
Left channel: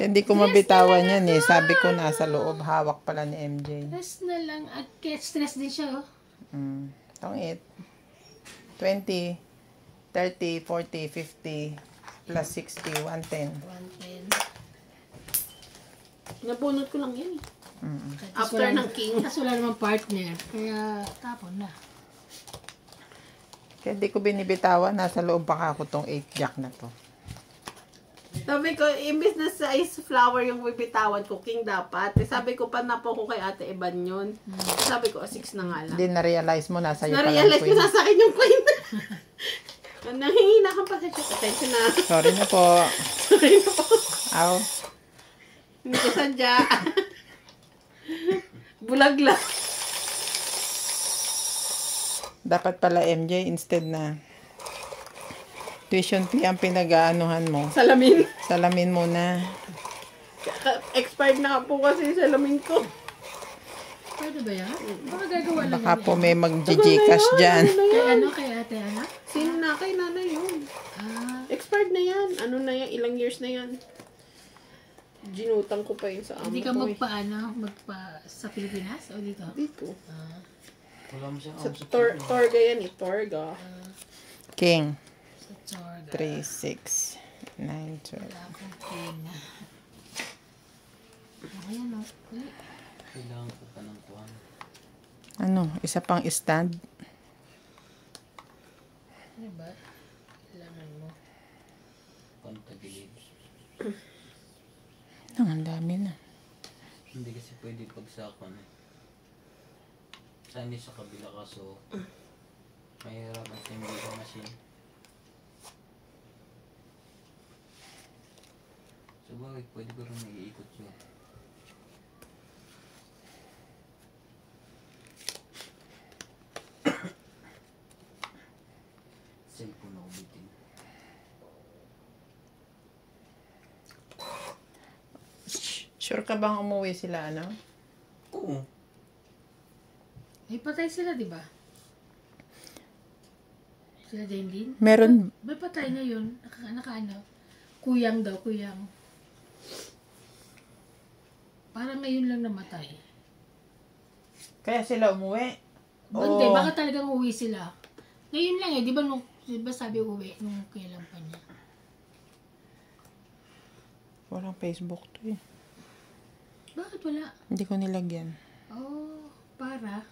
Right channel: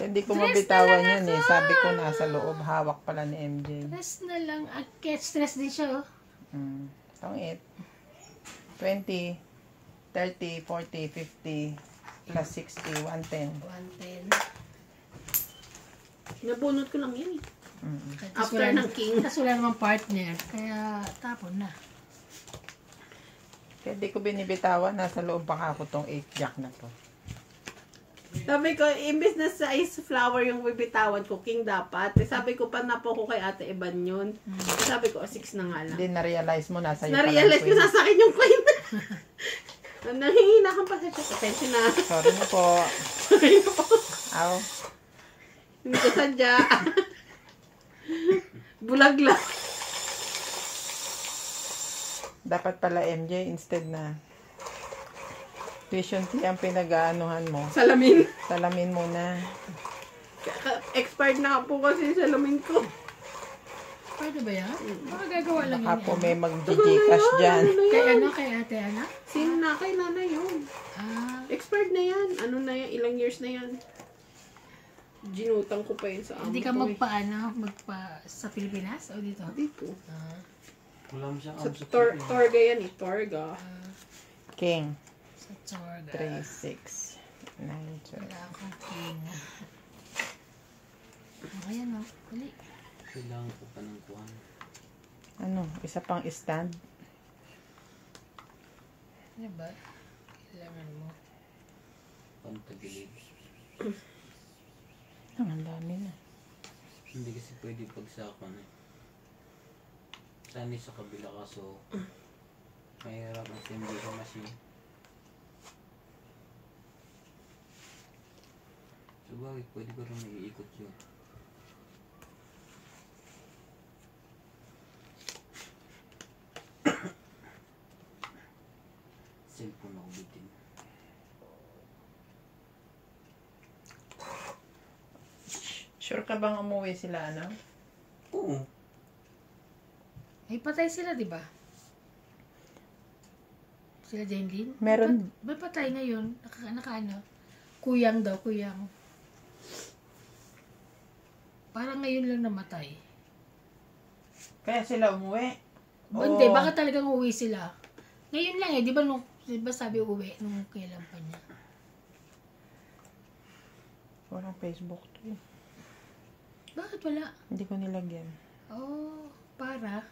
hindi ko mabitawan yan eh. Sabi ko nasa loob. Hawak pala ni MJ. Stress na lang. At stress din siya oh. Itong 8. 20, 30, 40, 50, plus 60, 110. 110. Nabunot ko lang yan. Tapos After wala- ng king. Tapos wala namang partner. Kaya tapon na. Kaya di ko binibitawan. Nasa loob pa ako tong 8 jack na to. Sabi ko, imbis na sa ice flower yung bibitawan ko, king dapat. Sabi ko, panapo ko kay Ate Eban yun. Sabi ko, 6 na nga lang. Hindi na-realize mo nasa iyo pala ang Na-realize ko queen. sa akin yung queen. Nangihina kang pasensya. Pasensya na. Sorry na po. Sorry na po. Aw. Hindi ko sadya. Bulag lang. Dapat pala MJ instead na tuition fee ang pinag-aanuhan mo. Salamin. Salamin muna. Expired na po kasi yung salamin ko. Pwede ba yan? Baka gagawa lang Baka yan. po may mag-gcash dyan. Kay ano? Kay ate ano? Sino na kay nanay yun? Expired na yan. Ano na yan? Ilang years na yan? Ginutang ko pa yun sa amo Hindi ka ko. sa Pilipinas o dito? Hindi po. Wala mo siyang Sa abs. Torga yan eh. Torga. King. Sa Chorga. 3, 6, 9, 12. Wala akong king. Ayan o. Uli. Kailangan ko pa ng kuhan. Ano, isa pang stand. Ano ba? Kailangan mo. Pantagilid. Ang dami na. Hindi kasi pwede pagsakon. Saan sa kabila kaso mahirap ang hindi sa machine. So bakit pwede ko rin mag-iikot yun? Cellphone ako bitin. Sure ka bang umuwi sila, ano? Oo. Ay, patay sila, di ba? Sila din. Meron, Ba patay ngayon? Naka-ano? Kuyang daw, kuyang. Parang ngayon lang namatay. kaya sila umuwi. Hindi, baka talagang uwi sila. Ngayon lang eh, di ba sabi uwi nung kailan pa niya? Walang Facebook to eh. Bakit wala? Hindi ko nilagyan. Oh, para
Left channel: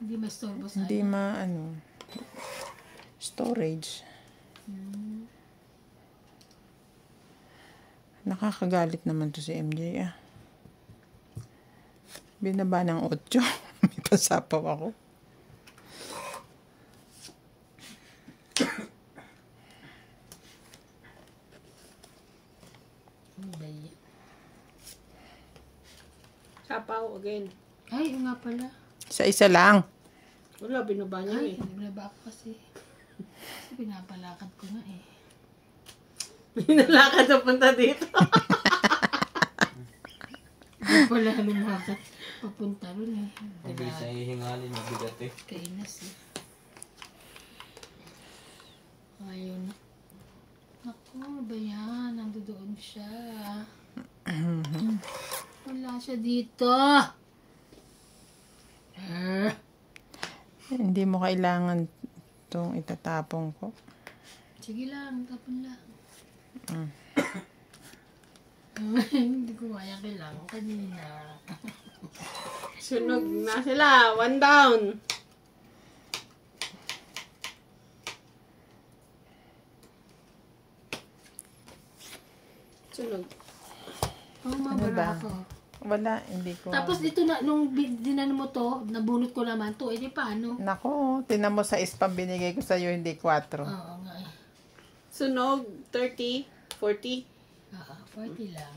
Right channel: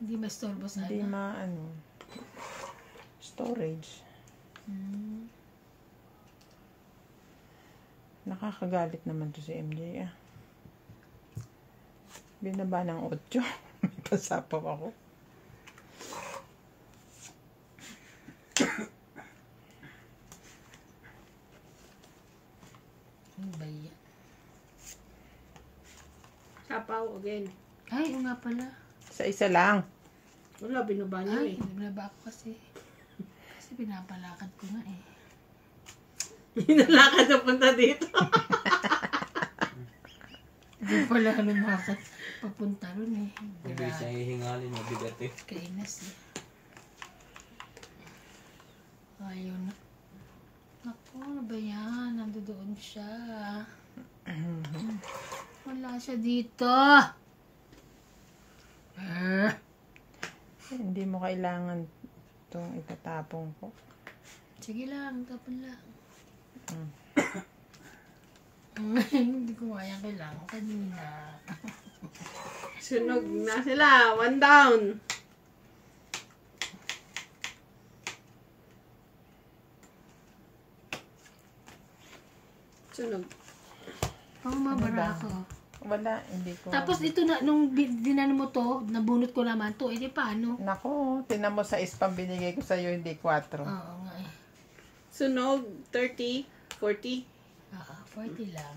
hindi mastorbo sa Hindi storage. Hmm. Nakakagalit naman to si MJ ah. Binaba ng 8. May pasapaw ako. Ano ba yan? Sapaw again. Ay, oo nga pala. Sa isa lang. Wala, binaba niya Ay, eh. naglaba ako kasi. Kasi pinapalakad ko nga eh. Binalakad na punta dito. Hindi pala lumakad. Papunta ron eh. Hindi sa hihingalin, mabigat eh. Kainas eh. Ayun. Ako, ano ba yan? Nandoon siya. Wala siya dito. Hindi mo kailangan itong itatapong ko. Sige lang, tapon lang. Hindi ko kaya kailangan kanina. Sunog na sila. 1 down. Sunog. Oh, Ano mabara ba? ako. Wala, hindi ko. Tapos ito na, nung dinano mo to, nabunot ko naman to, edi paano? Nako, tinan mo sa ispang binigay ko sa'yo, hindi 4. Oo nga eh. Sunog. 30. 40. 40 lang.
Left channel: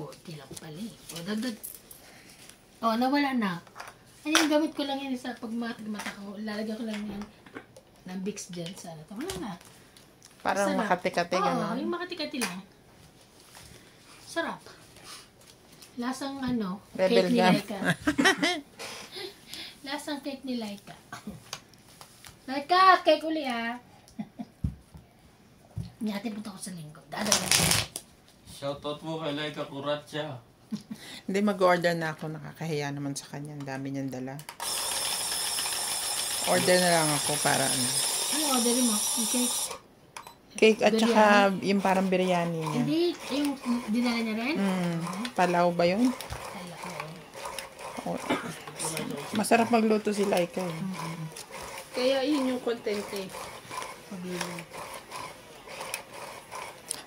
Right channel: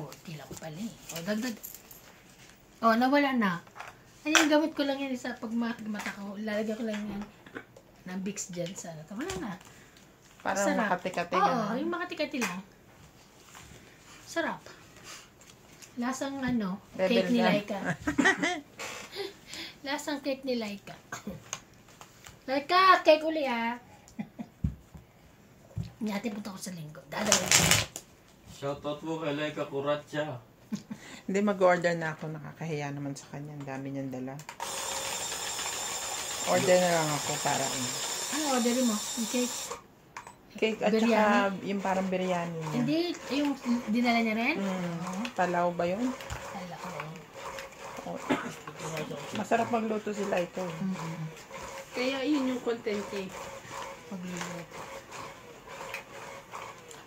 40 lang pala eh. O, dagdag. O, nawala na. Ayan, gamit ko lang yan sa pagmata ko. Lalagyan ko lang yan ng Vicks dyan sa ano. Wala na. Parang Sarap. makati-kati. Oo, Gano'n. yung makati-kati lang. Sarap. Lasang ano, Rebel cake ni gum. Laika. Lasang cake ni Laika. Laika, cake uli ah. Nyati punta ko sa linggo. Dadala. Shoutout mo kay Laika Kuratsa. Hindi, mag-order na ako. Nakakahiya naman sa kanya. Ang dami niyang dala. Order na lang ako para ano. Ano orderin mo? Yung cake? Cake at saka yung parang biryani niya. Hindi, yung dinala niya rin? Palaw ba yun? Kala ko. Masarap magluto si Laika eh. Kaya yun yung content eh. Pagluluto.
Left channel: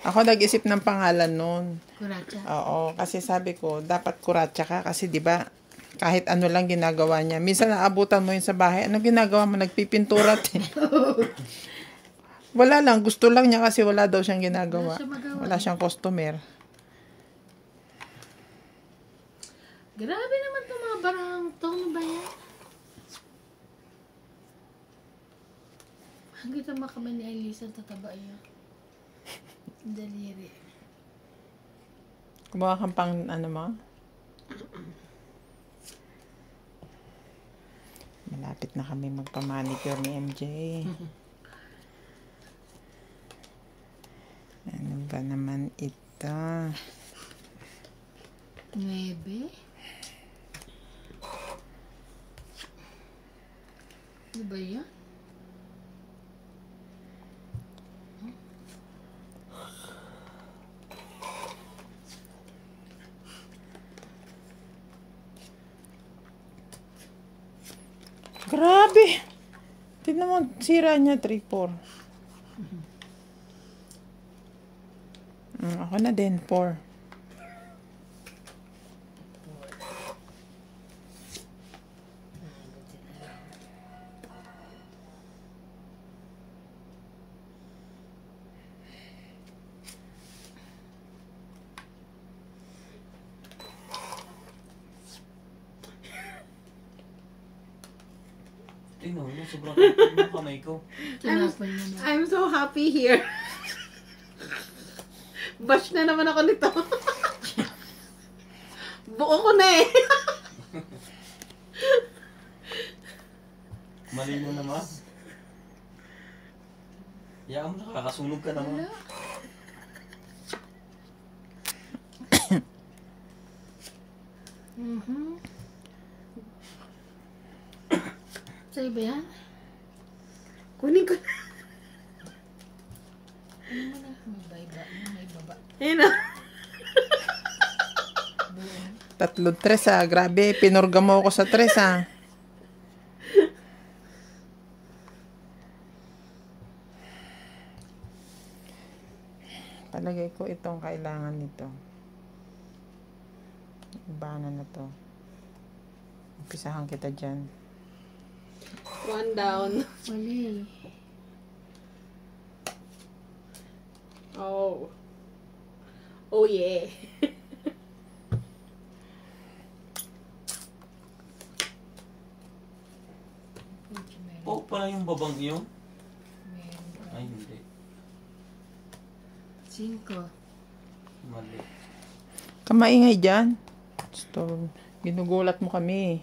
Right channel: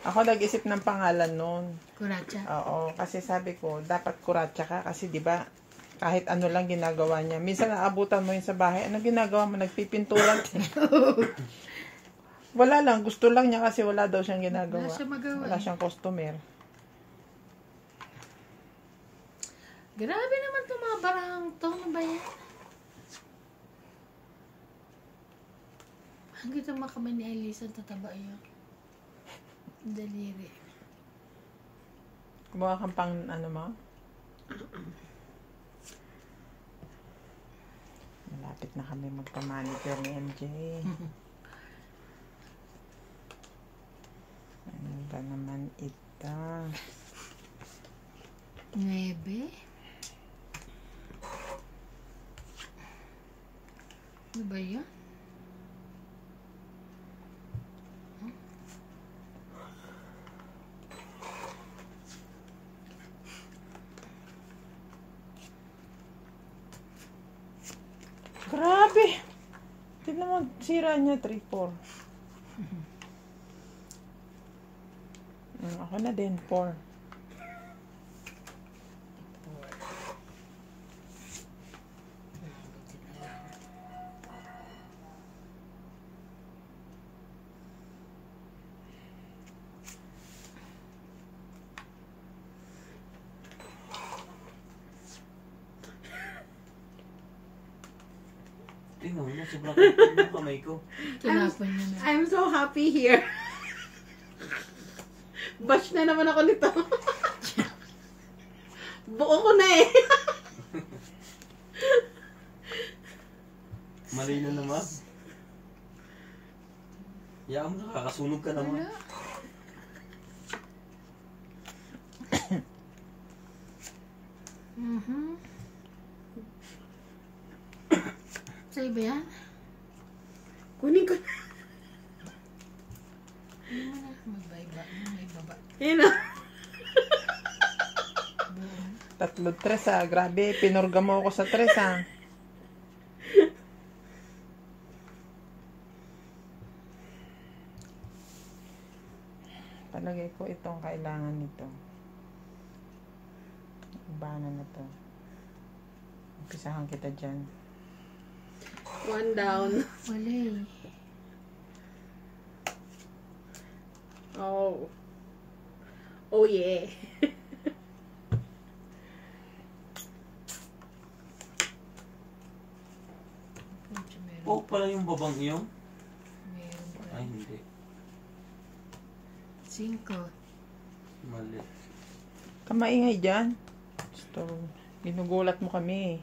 Ako nag-isip ng pangalan nun. Kuratsa. Oo, kasi sabi ko, dapat kuratsa ka kasi 'di ba kahit ano lang ginagawa niya. Minsan naabutan mo yun sa bahay, ano ginagawa mo? Nagpipintura. Wala lang, gusto lang niya kasi wala daw siyang ginagawa. Wala siya magawa. Wala siyang customer. Grabe naman itong mga barang to. Ano ba yan? Hanggang naman kami ni Elisa tataba yun. Daliri. Kumuha kang pang ano mo? Malapit na kami magpamanicure ni MJ. Ano ba naman ito? Ito. 9. Ano ba yun? Grabe. Tignan mo, sira niya 3-4. Ako na din, 4. Tingnan mo, sobrang kapal ng kamay ko. Tinapon na na. I'm so happy here. Bash na naman ako nito. Buo ko na eh. Malino naman. Yaan mo, nakakasunog ka naman. Wala. Sa'yo ba yan? Kunin ko na. Ano mo na? Magbayba. May baba. Ayun o. 3-3 grabe, pinurga mo ako sa 3 Palagay ko itong kailangan nito. Ibana na to. Umpisahan kita dyan. 1 down. Wala eh. Oh. Oh yeah. Medyo meron. Oo pala yung babang iyo. Meron pa. Ay, hindi. 5. Mali. Kamaingay dyan. Gusto, ginugulat mo kami.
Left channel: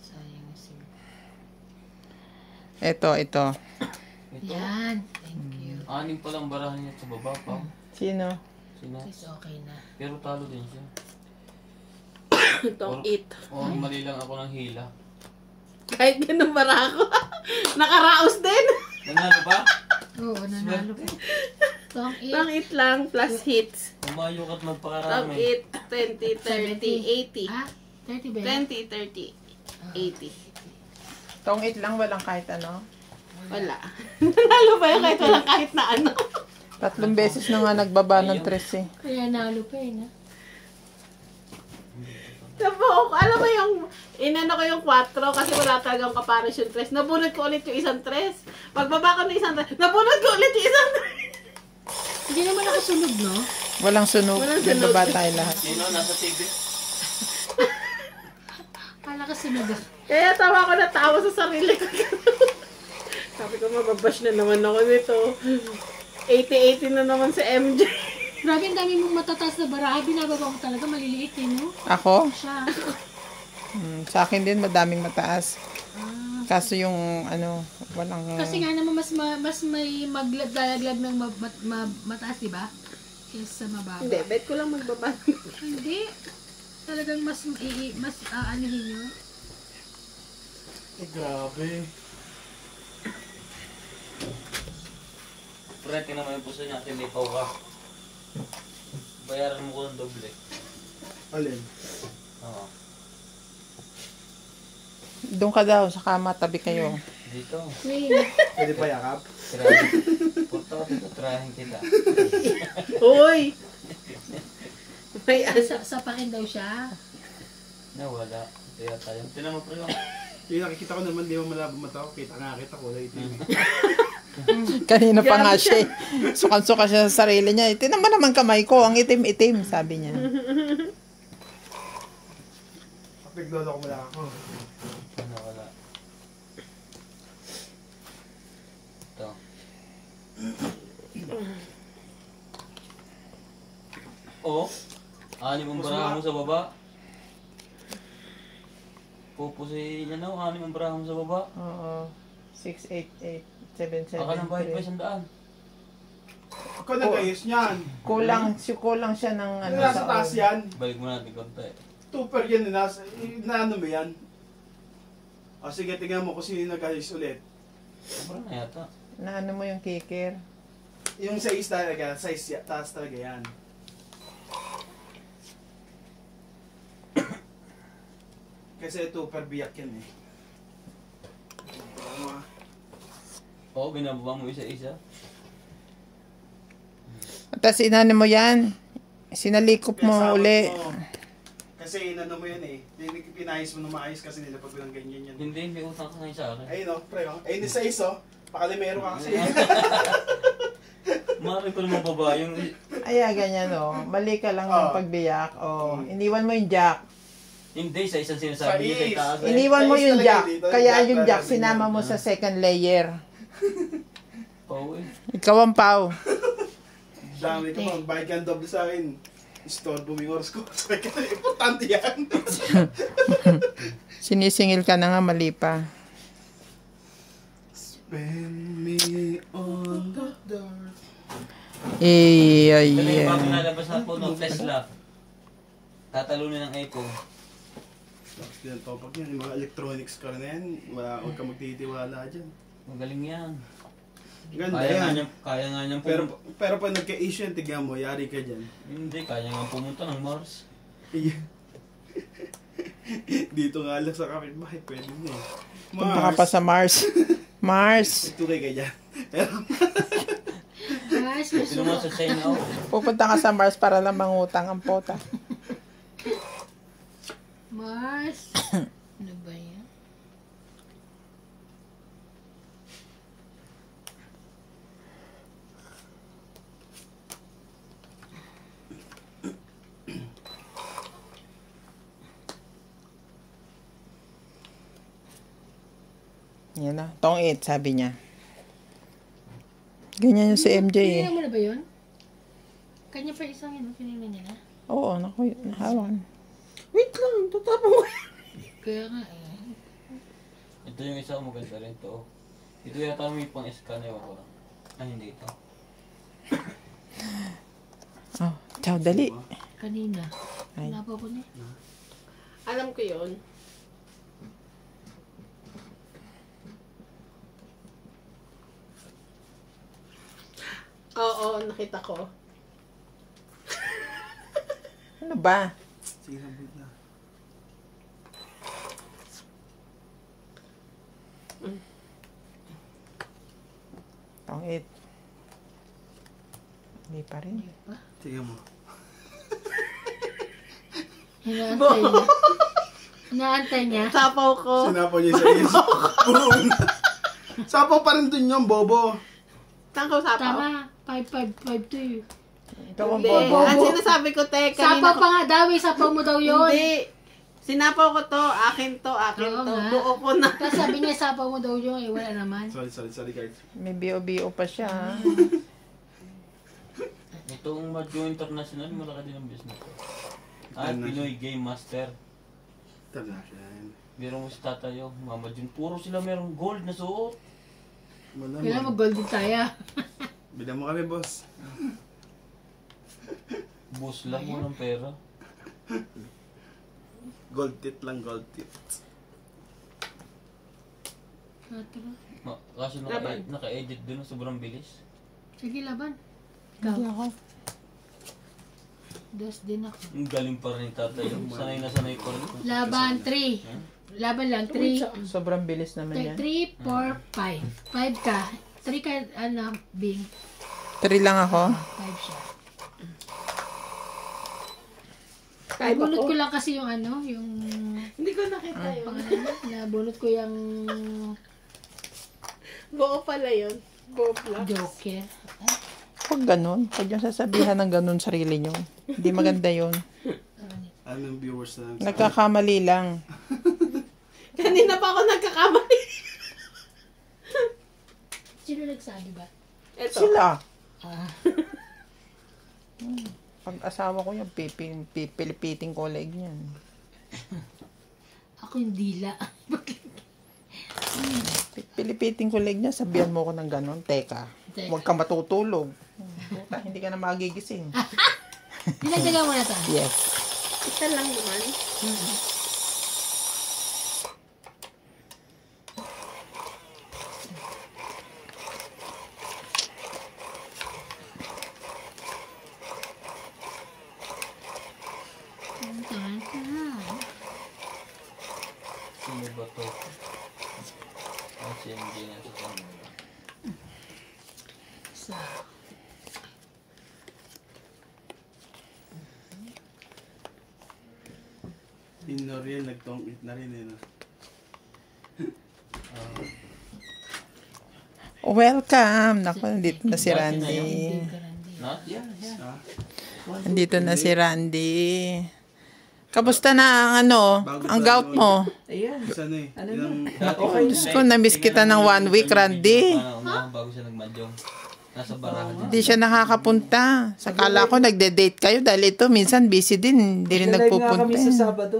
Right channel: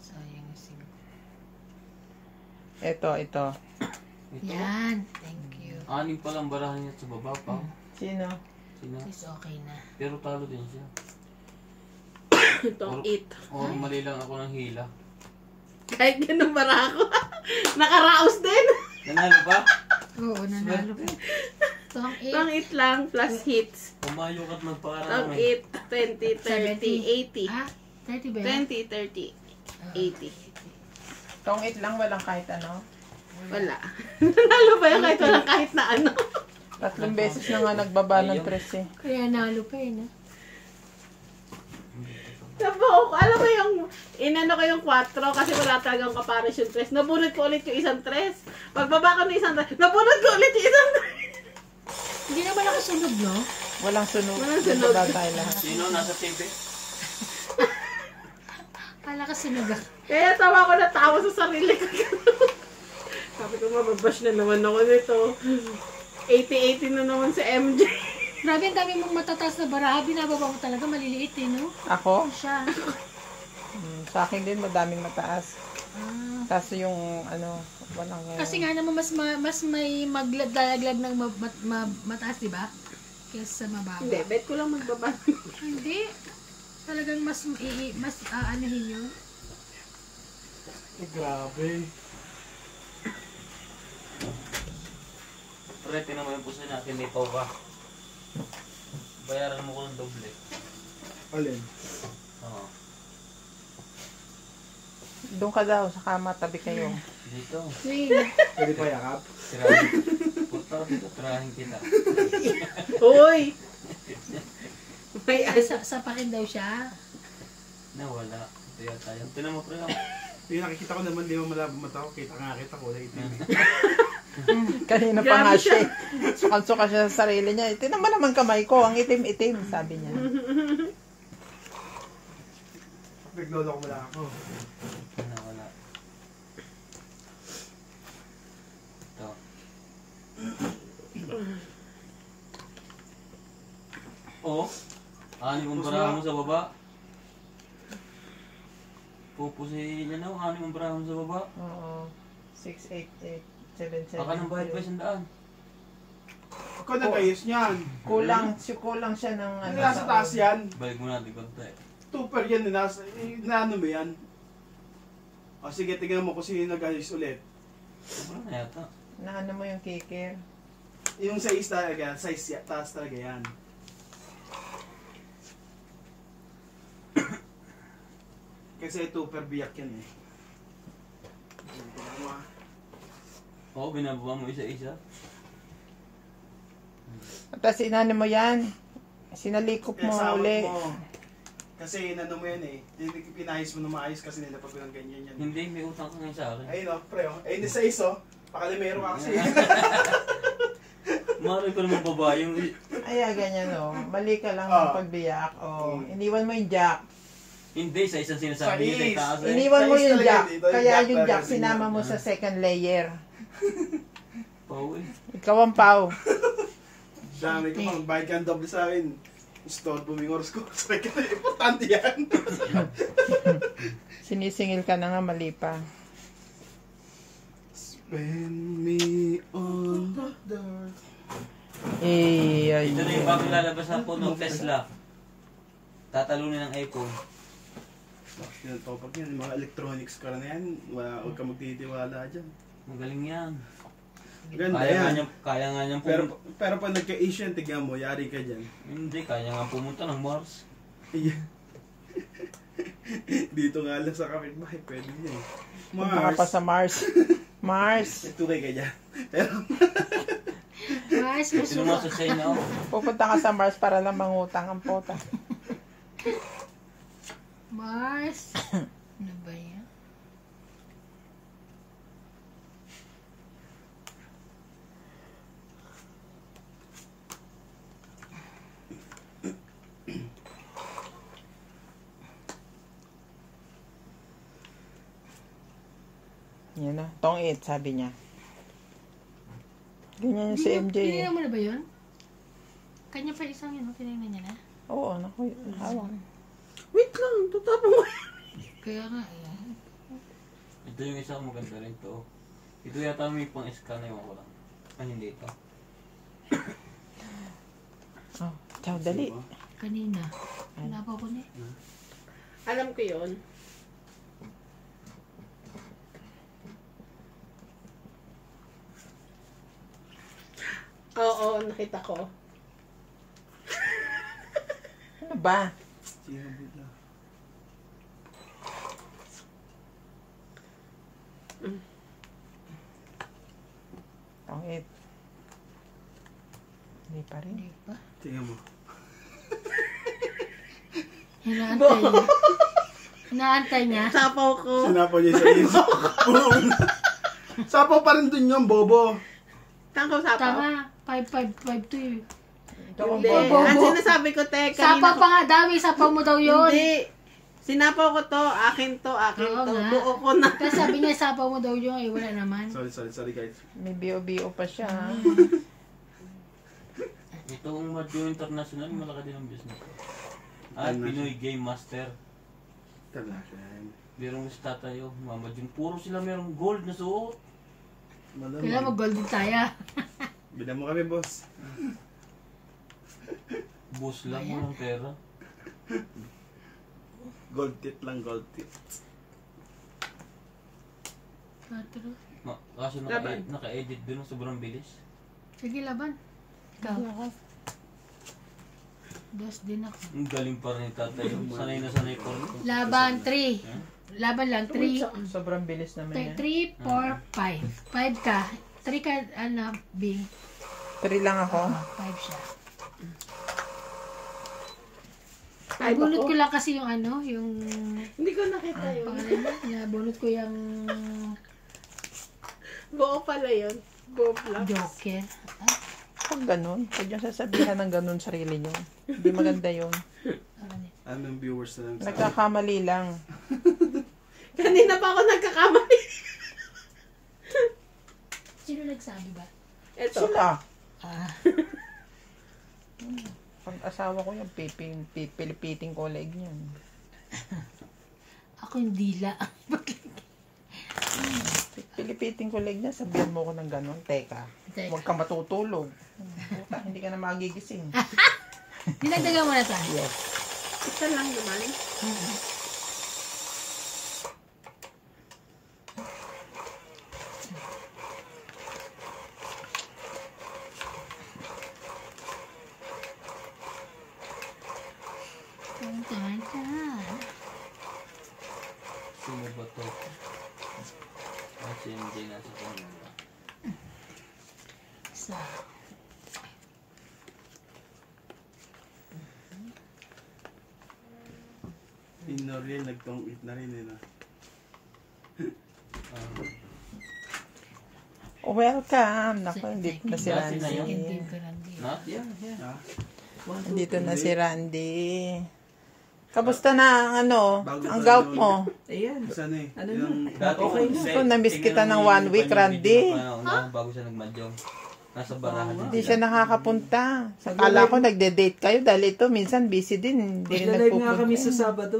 Sayang na 5. Ito. Ito. Yan. Thank you. 6 pa lang barahan niya sa baba pa. Sino? Sino? Is okay na. Pero talo din siya. Itong it. O mali lang ako ng hila. Kahit ganun bara ako. Nakaraos din. Nanalo ba? Oo, nanalo pa. Tong 8. Itong it lang plus hits. Pumayo ka't Itong magpakarami. it. 20, 30, 80. Ah, 30 ba yan? 20, 30, 80. Tong 8 lang, walang kahit ano. Wala. Nanalo ba yun kahit walang kahit na ano? 3 beses na nga nagbaba ng 3 eh. Kaya nalo pa eh, no? Nabuo ko. Alam mo yung, inano ko yung 4 kasi wala talagang comparison tres. Nabunod ko ulit yung isang tres. Pagbaba ko ng isang tres, nabunod ko ulit yung isang tres. Hindi naman nakasunod, no? Walang sunog. Walang sunog. Nagbaba tayo lahat. Sino nasa TV? Kala ka sinuga. Kaya tawa ko na tawa sa sarili ko. Sabi ko, mababash na naman ako nito. 80-80 na naman sa MJ. Grabe, ang dami mong matataas na baraha. Binababa mo talaga, maliliit eh, no? Ako? Siya. Sa akin din madaming mataas. Kaso yung ano, walang... Kasi nga naman, mas may maglalaglag ng mataas, di ba? Kesa mababa. Hindi, bet ko lang magbaba. Hindi. Talagang mas aanahin yun. Grabe. Pre, tinamay po sa natin ni Pau ka. Bayaran mo ko ng doble. Alin? Oo. Doon ka daw, sa kama, tabi kayo. Dito. Sige. Pwede pa yakap? Tirahin. Puto, tirahin kita. Uy! May Sa pakin daw siya. Nawala. Kaya tayo. Tinan mo pre lang. Yung nakikita ko naman, di mo malabo mata ko. Kita nga kita ko. Kanina pa nga Grabe siya. Sukan-suka siya sa sarili niya. Ito naman naman kamay ko, ang itim-itim, sabi niya. Naglolo ko wala ako. Nawala. Ito. Oo. Anim ang barahan mo sa baba. Pupusin niya no, anim ang barahan mo sa baba. Oo. 6, 8, 8, 7, 7, Baka nang bahid pa 3. 100. Ako nag-ayos niyan. Kulang siya ng ano. Nasa taas yan. Balik mo natin konti. Tupper yan, inaano mo yan? O sige, tingnan mo kung sino nag-ayos ulit. Ano na yata? Naano mo yung kicker? Yung size talaga, taas talaga yan. Kasi tupper biyak yan eh. Ano ah? Oo, binababa mo isa-isa. Tapos inano mo yan. Sinalikop Kaya mo sawat uli. mo. Kasi inano mo yan eh. Pinayos mo na maayos kasi nilapag mo ng ganyan yan. Hindi, may utang ka ngayon sa akin. Ayun o, pre o. Ayun sa iso. Pakalimero ka kasi. Mami ko naman baba yung... Ay, ganyan o. Mali ka lang Oh. ng pagbiyak. O, iniwan mo yung jack. Hindi, sa isang sinasabi niya sa Sa itaas eh. Iniwan mo Size yung talaga jack. dito, yung Kaya jack yung jack talaga, sinama mo ganyan. sa second layer. Oo eh. Ikaw ang pau. Dami ko pa. Bayad ka ng doble sa akin. Store booming oras ko. Importante yan. Sinisingil ka na nga, mali pa. Spend me on the door. Ay, Ito na yung bago ay. nalabas na po ng Tesla. Tatalunin ng iPhone. Tapos yun, top up yan. Mga electronics ka na yan. Huwag ka magtitiwala dyan. Magaling yan. Ganda Kaya yan. nga niyang Pero, pumunta. pero pag nagka-issue yan, tignan mo, yari ka dyan. Hindi, kaya nga pumunta ng Mars. Dito nga lang sa kapitbahay, pwede na eh. Punta ka pa sa Mars. Mars. Tukay ka dyan. Pero, Mars, Sino mo sa China ako? Pupunta ka sa Mars para lang mangutang ang pota. Mars. Ano ba yan? Yan na. Tong 8, sabi niya. Ganyan yung si MJ eh. Tinignan mo na ba yun? Kanya pa isang yun, tinignan niya na? Oo, naku, nahawan. Wait lang, tutapang mo. Kaya nga eh. Ito yung isa maganda rin to. Ito yata may pang scan na ko lang. Ay, hindi ito. Oh, ciao, dali. Kanina. Ay. Napo ko niya. Alam ko yun. Oo, nakita ko. Ano ba? sinabot na. Tong 8. Hindi pa rin. Hindi pa. Tingnan mo. Hinaantay niya. Hinaantay niya. Sapaw ko. Sinapaw niya sa iyo. Sapaw pa rin dun yung bobo. Tangkaw sapaw? Tama. 5-5-5-2 eh. Ikaw ang Hindi. bobo. Ang sinasabi ko, te, Sapa kanina pa nga daw eh. Sapa mo daw yun. Hindi. Sinapaw ko to, akin to, akin Oo to. nga. Buo ko na. Kasi sabi niya sapa mo daw yun eh. Wala naman. Sorry guys. May BO-BO pa siya. ha? Itong Madyo International, malaki din ang business. At Pinoy Game Master. Tala siya yan. Biro mo si tatayo, Mama Jun. Puro sila merong gold na suot. Kailangan Malamang. mag-gold din tayo. Bilang mo kami, boss. Boss lang mo ng pera. Gold tit lang, gold tit. Kasi Laban. naka-edit dun, sobrang bilis. Sige, laban. Ikaw. Dos din ako. Yung galing pa rin ni tatay. Sanay na sanay pa rin. Laban 3. Laban lang 3. Sobrang bilis naman yan. 3, 4, 5. 5 ka. 3 ka, ano, Bing. 3 lang ako. 5 siya. Kahit Bunot ako. ko lang kasi yung ano, yung Hindi ko nakita yun. pangalan niya. Nabunot ko yung Buo pala yun. Buo plus. Joker. Ah, Huwag ganun. Huwag yung sasabihan ng ganun sarili nyo. Hindi maganda yun. ano yun? Ano yung viewers na lang. Nagkakamali lang. Kanina pa ako nagkakamali. Sino nagsabi ba? Ito. Sila. Ah, Pag asawa ko yan, pipilipiting ko leg yan. ako yung dila. Pilipiting ko leg niya, sabihan mo ko ng ganun. Teka, Teka. huwag ka matutulog. Buka, hindi ka na magigising. Dinagdagan mo na to. Yes. Isa lang naman. Sino ba to? Si MJ na sa kanila. Sa Pino rin, nagtong-it na rin eh. No? Welcome! Naku, nandito na si Randy. No? Yeah. Ah, Nandito na si Randy. Kamusta na ang ang gout mo? Ayan. isa na eh. Ano Yung, Okay. Diyos ko, na-miss kita ng 1 week, Randy. Bago siya nagmadyong. Nasa barahan. Hindi siya nakakapunta. Sakala ko nagde-date kayo dahil ito minsan busy din. Hindi rin Nag-live nga kami sa nagpupunta. Sabado.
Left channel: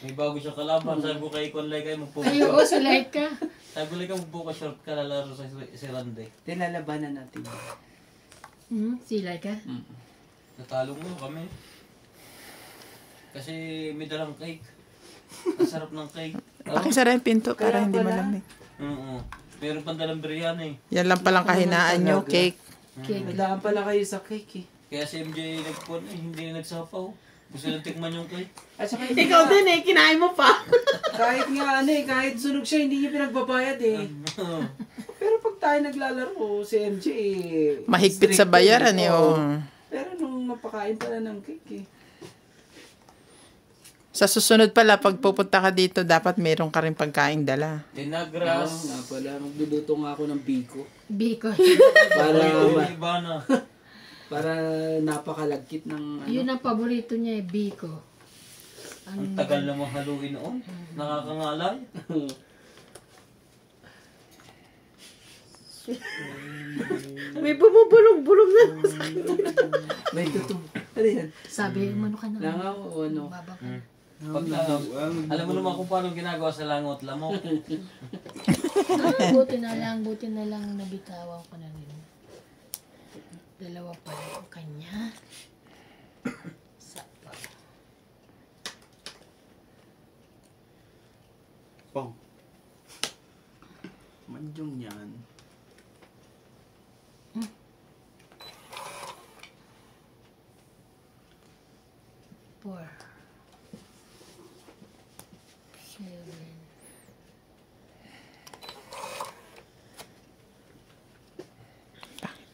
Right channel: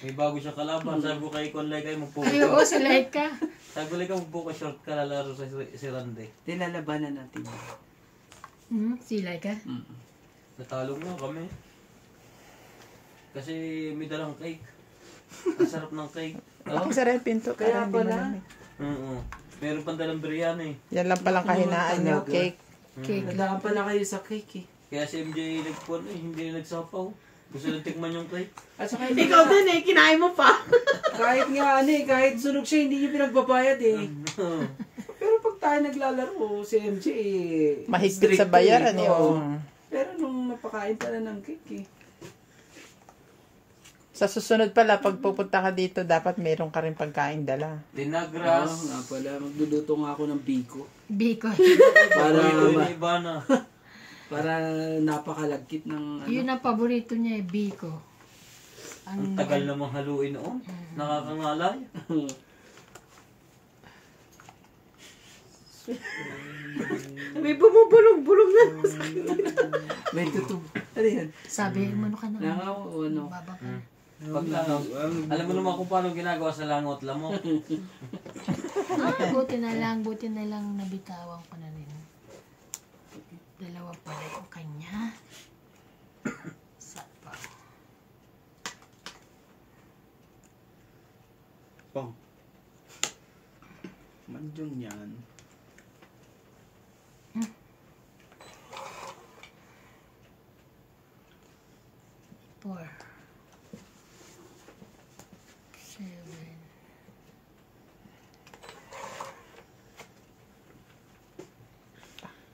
May bago siya kalaban. Sabi ko kay Konlay kayo magpupo. ayoko sa light ka. Sabi ko lang magpupo short ka lalaro sa si Randy. Nilalabanan natin. Sila ka? Natalo nga kami. Kasi may dalang cake. Ang sarap ng cake. Pakisara yung pinto para Kaya hindi pala. malamig. Oo. Meron pang dalang biryani. Yan lang palang kahinaan nyo, cake. Cake. Nadaan pala kayo sa cake eh. Kaya si MJ nagpon hindi nagsapaw. Gusto nang tikman yung cake. At saka Ikaw din eh, kinain mo pa. kahit nga kahit sunog siya, hindi niya pinagbabayad eh. Pero pag tayo naglalaro, si MJ eh. Mahigpit sa strict bayaran eh. eh. Oo. Oh. Pero nung napakain pala ng cake eh. Sa susunod pala, pag pupunta ka dito, dapat meron ka rin pagkain dala. Tinagras. Nga pala, magluluto nga ako ng biko. Biko. Iba na. Para napakalagkit ng ano. Yun ang paborito niya eh, Biko. Ang tagal namang haluin noon. Nakakangalay. May bumubulong-bulong na. May tutub. Ano yan? Sabi mo ka naman. Langaw o ano? Baba ka. Pag alam mo naman kung paano ginagawa sa langot lamok. Ay, buti na lang nabitawan ko na rin. Dalawa pa rin ang kanya. Isa pa. pong. Manjong yan. Four. 7.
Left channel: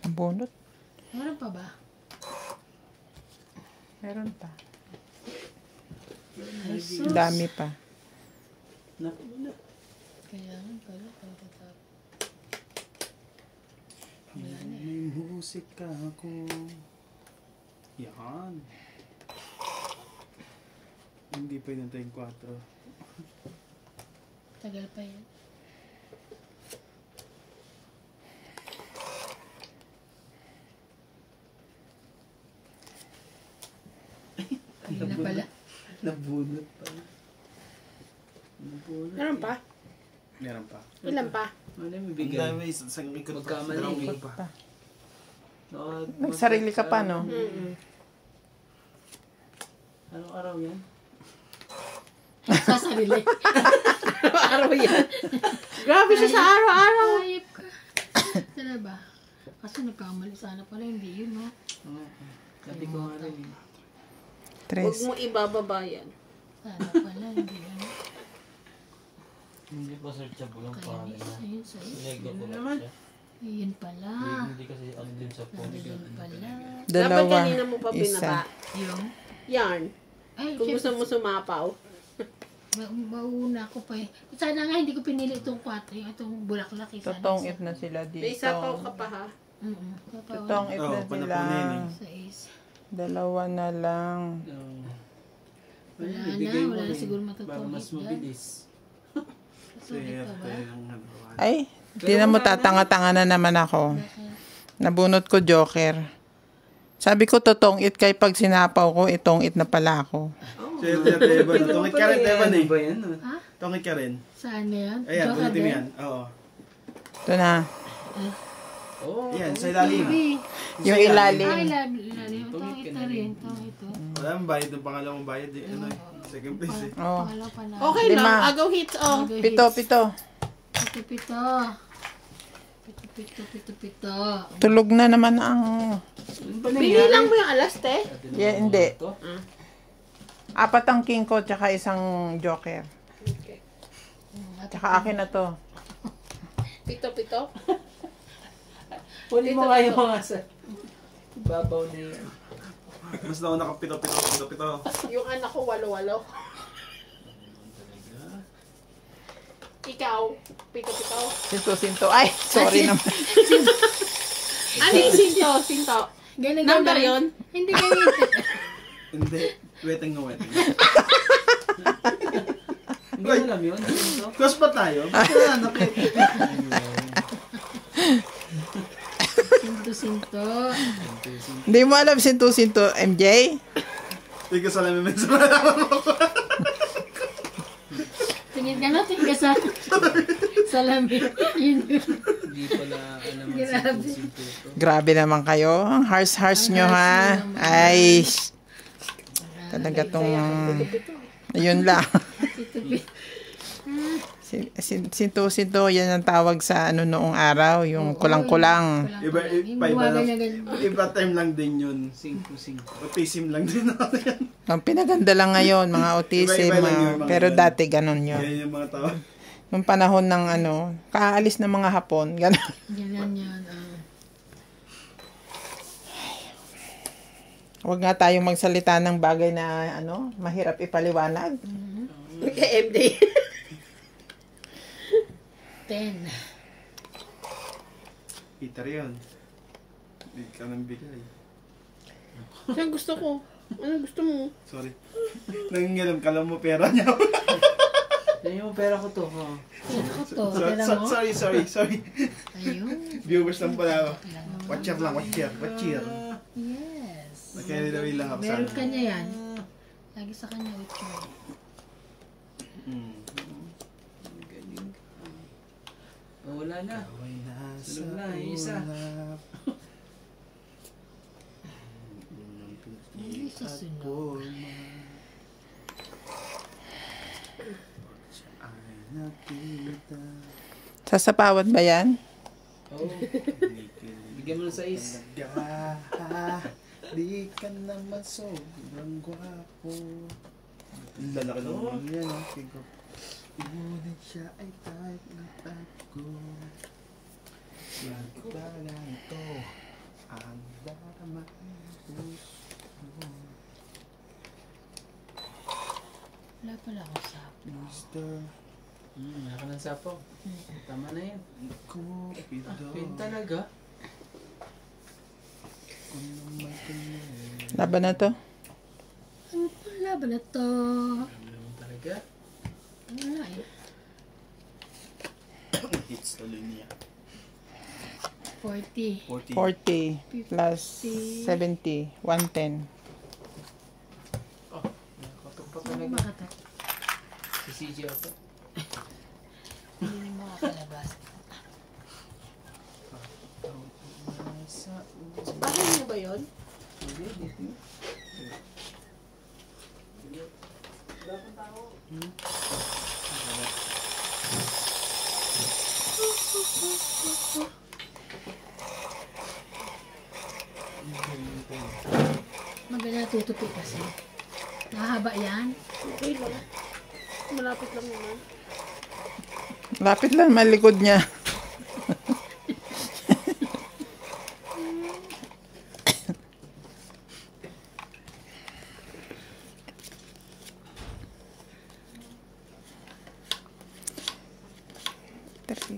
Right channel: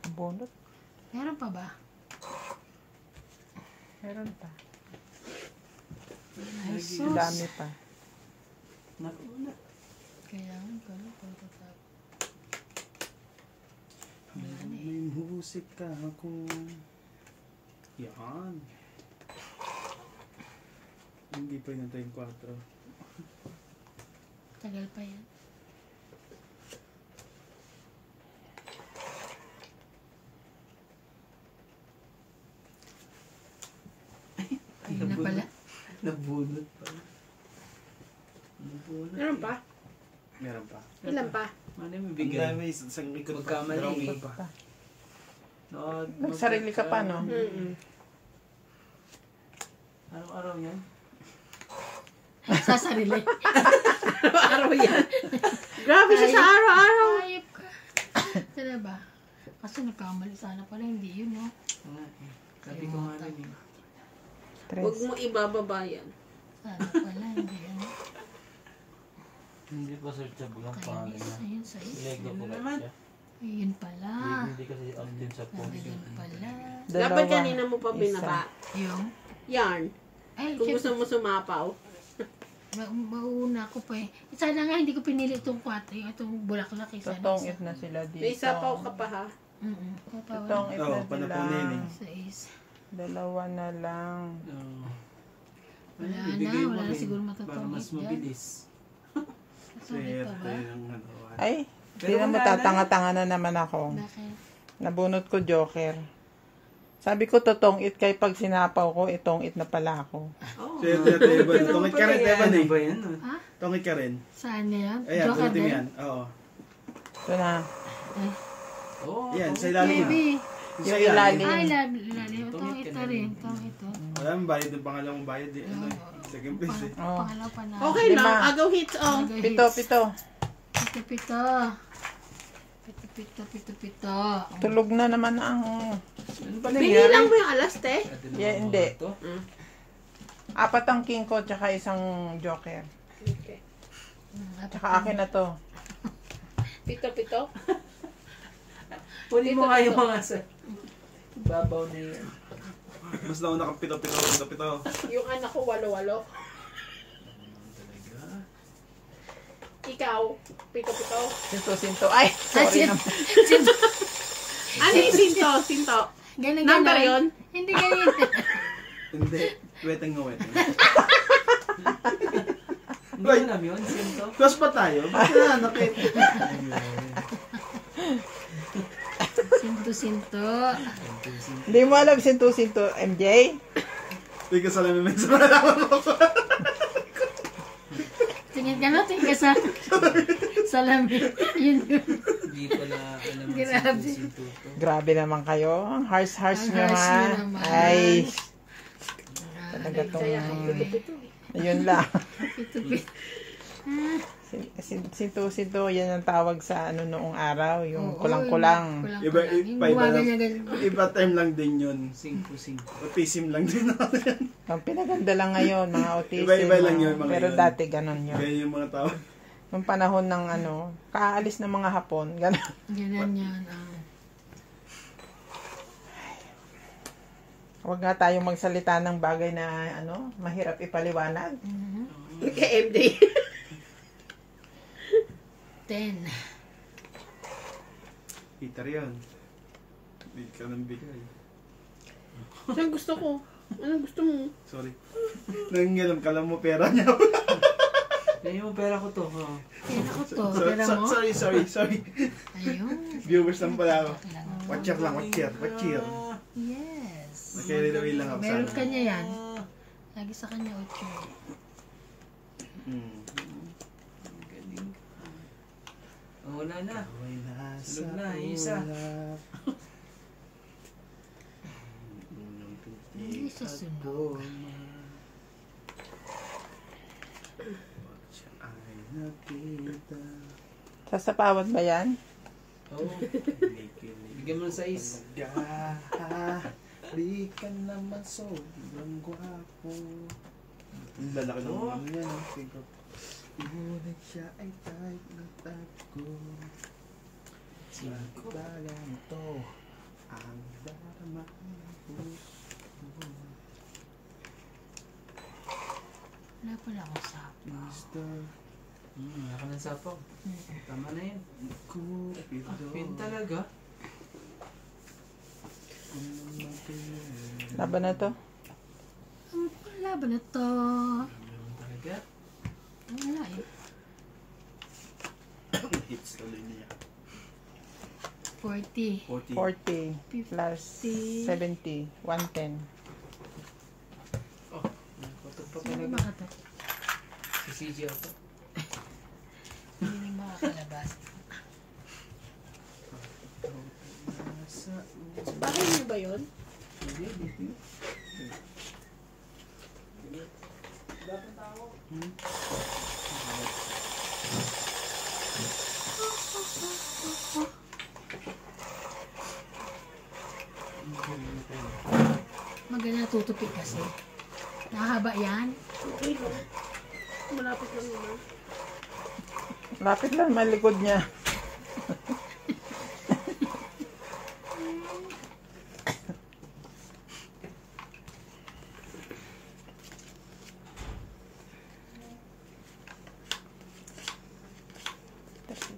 Ang bunot. Meron pa ba? Meron pa. Ay, Ang dami pa. Naku. kailangan pala pagkatapos. May musika ako. Yan. Hindi pa yun tayong 4. Tagal pa yan. Ayun na pala. Nabunot pa. Nabunot. Meron pa? Meron pa. Ilan pa? Ano yung Ang bigay? dami, isang ikot Magkamali. Dalawang pa. Nagsarili ka pa, no? Anong araw yan? Sa sarili. Araw-araw yan. Grabe siya sa araw-araw. Ayop ka. Sila ba? Kasi nagkamali sana pala. Hindi yun, no? Sabi ko nga rin. Huwag Tres. mo ibababa yan. Sana pala. Hindi yan. Hindi pa searchable ang pangalan Kainis. niya. Ayun, sa'yo. Lego ko lang siya. Ayun pala. Hindi kasi ano din sa phone. Nandun pala. Dapat kanina mo pa Isa. binaba. Yung? Yarn. Ay, Kung gusto mo sumapaw. mauna ko pa eh. Sana nga hindi ko pinili itong 4. Itong bulaklak. Sana Totoong if na sila dito. May sapaw ka pa ha. Totoong if na panapunin sila. eh. Sa is. Dalawa na lang. Wala na. Ibigay mo Wala na rin siguro para matutulog mas dyan. mabilis. Sulit pa ba? yung nagawa. Ay, tinan mo tatanga-tanga na naman ako. Bakit? Nabunot ko joker. Sabi ko totoong it kay pag sinapaw ko, itong it na pala ako. Swerte tayo ba? Tungit ka rin, Evan eh. Ba yan? Ha? Tungit ka rin. Saan yan? Ayan, Joker ulitin mo din? yan. Oo. Ito na. Oo. Yan, sa ilalim. Baby. Yung Ay, ilalim. ilalim. Ito rin. Ito. Wala mong bayad yung pangalawang bayad eh. Ano eh. Second place eh. Oh. Pangalawa pa na. Okay lang, Lima. agaw hits oh. Pito. Pito. Tulog na naman ang... Ano ba Bili nangyari? lang mo yung alas, te. Yeah, hindi. Ito? 4 ang king ko, tsaka isang joker. Tsaka akin na to. Pito. Kunin mo kayo mga sa... Babaw na yun. Mas na ako nakapito. Yung anak ko, walo-walo. Ikaw, pito. Sinto. Ay, sorry naman. Ano yung sinto? Ganun, Number yun? Hindi ganyan. Hindi. Weteng nga. Hindi mo alam yun? Sinto? Close pa tayo? Wala na Sinto. Hindi mo alam sinto, MJ? Ikaw sa lamin sa malaman mo. Tingin ka sa salamin. Yun. Hindi pala alam mo Grabe. sinto. Grabe naman kayo. Ang harsh nyo Ang harsh ha. nyo naman. Ay, talaga tong... Yun lang. Sinto, yan ang tawag sa ano noong araw. Yung kulang-kulang. Iba time lang din yun. 5. Autism lang din ako yan. Ang pinaganda lang ngayon, mga autism. Iba-iba lang yung mga Pero yan. dati ganun yun. Yan yung mga tao. Nung panahon ng ano, kaalis ng mga Hapon. Ganun. Ganyan yan. Huwag nga tayong magsalita ng bagay na ano, mahirap ipaliwanag. Kay MD. 10. Peter yun. Hindi ka nang bigay. Yan gusto ko. Ano gusto mo? Sorry. Nangingilam ka lang mo pera niya. Yan yung pera ko to. Oh. Yan ako to. Pera mo. Sorry. Ayun. Viewers lang pala ako. Watcher. Yes. Nakikiraway lang ako sa Meron ano. kanya yan. Lagi sa kanya 8. Oh, wala na. Sulog na, yung isa. Hindi siya sunod. Sasapawan ba yan? Oo. Bigyan mo ng 6. Di ka naman sobrang gwapo. Ang lalaki ng Oh. ano yan, figure. Ngunit siya ay type na type ko. Pala nito ang darama ko. Wala pala akong sapo. Mister Wala ka ng sapo. Tama na yan. Cupido. Pin talaga. Laban na to? Wala ba na to? Talaga. Wala eh. Hits tuloy niya. 40. 40. 40 plus 70. 110. Patok pa Ano talaga. ba ito? Si CJ ako. Hindi rin makakalabas. Bakit niyo ba yun? Maganda tutupi kasi. Mahaba yan. Okay lang. Malapit lang naman. Lapit lang malikod niya.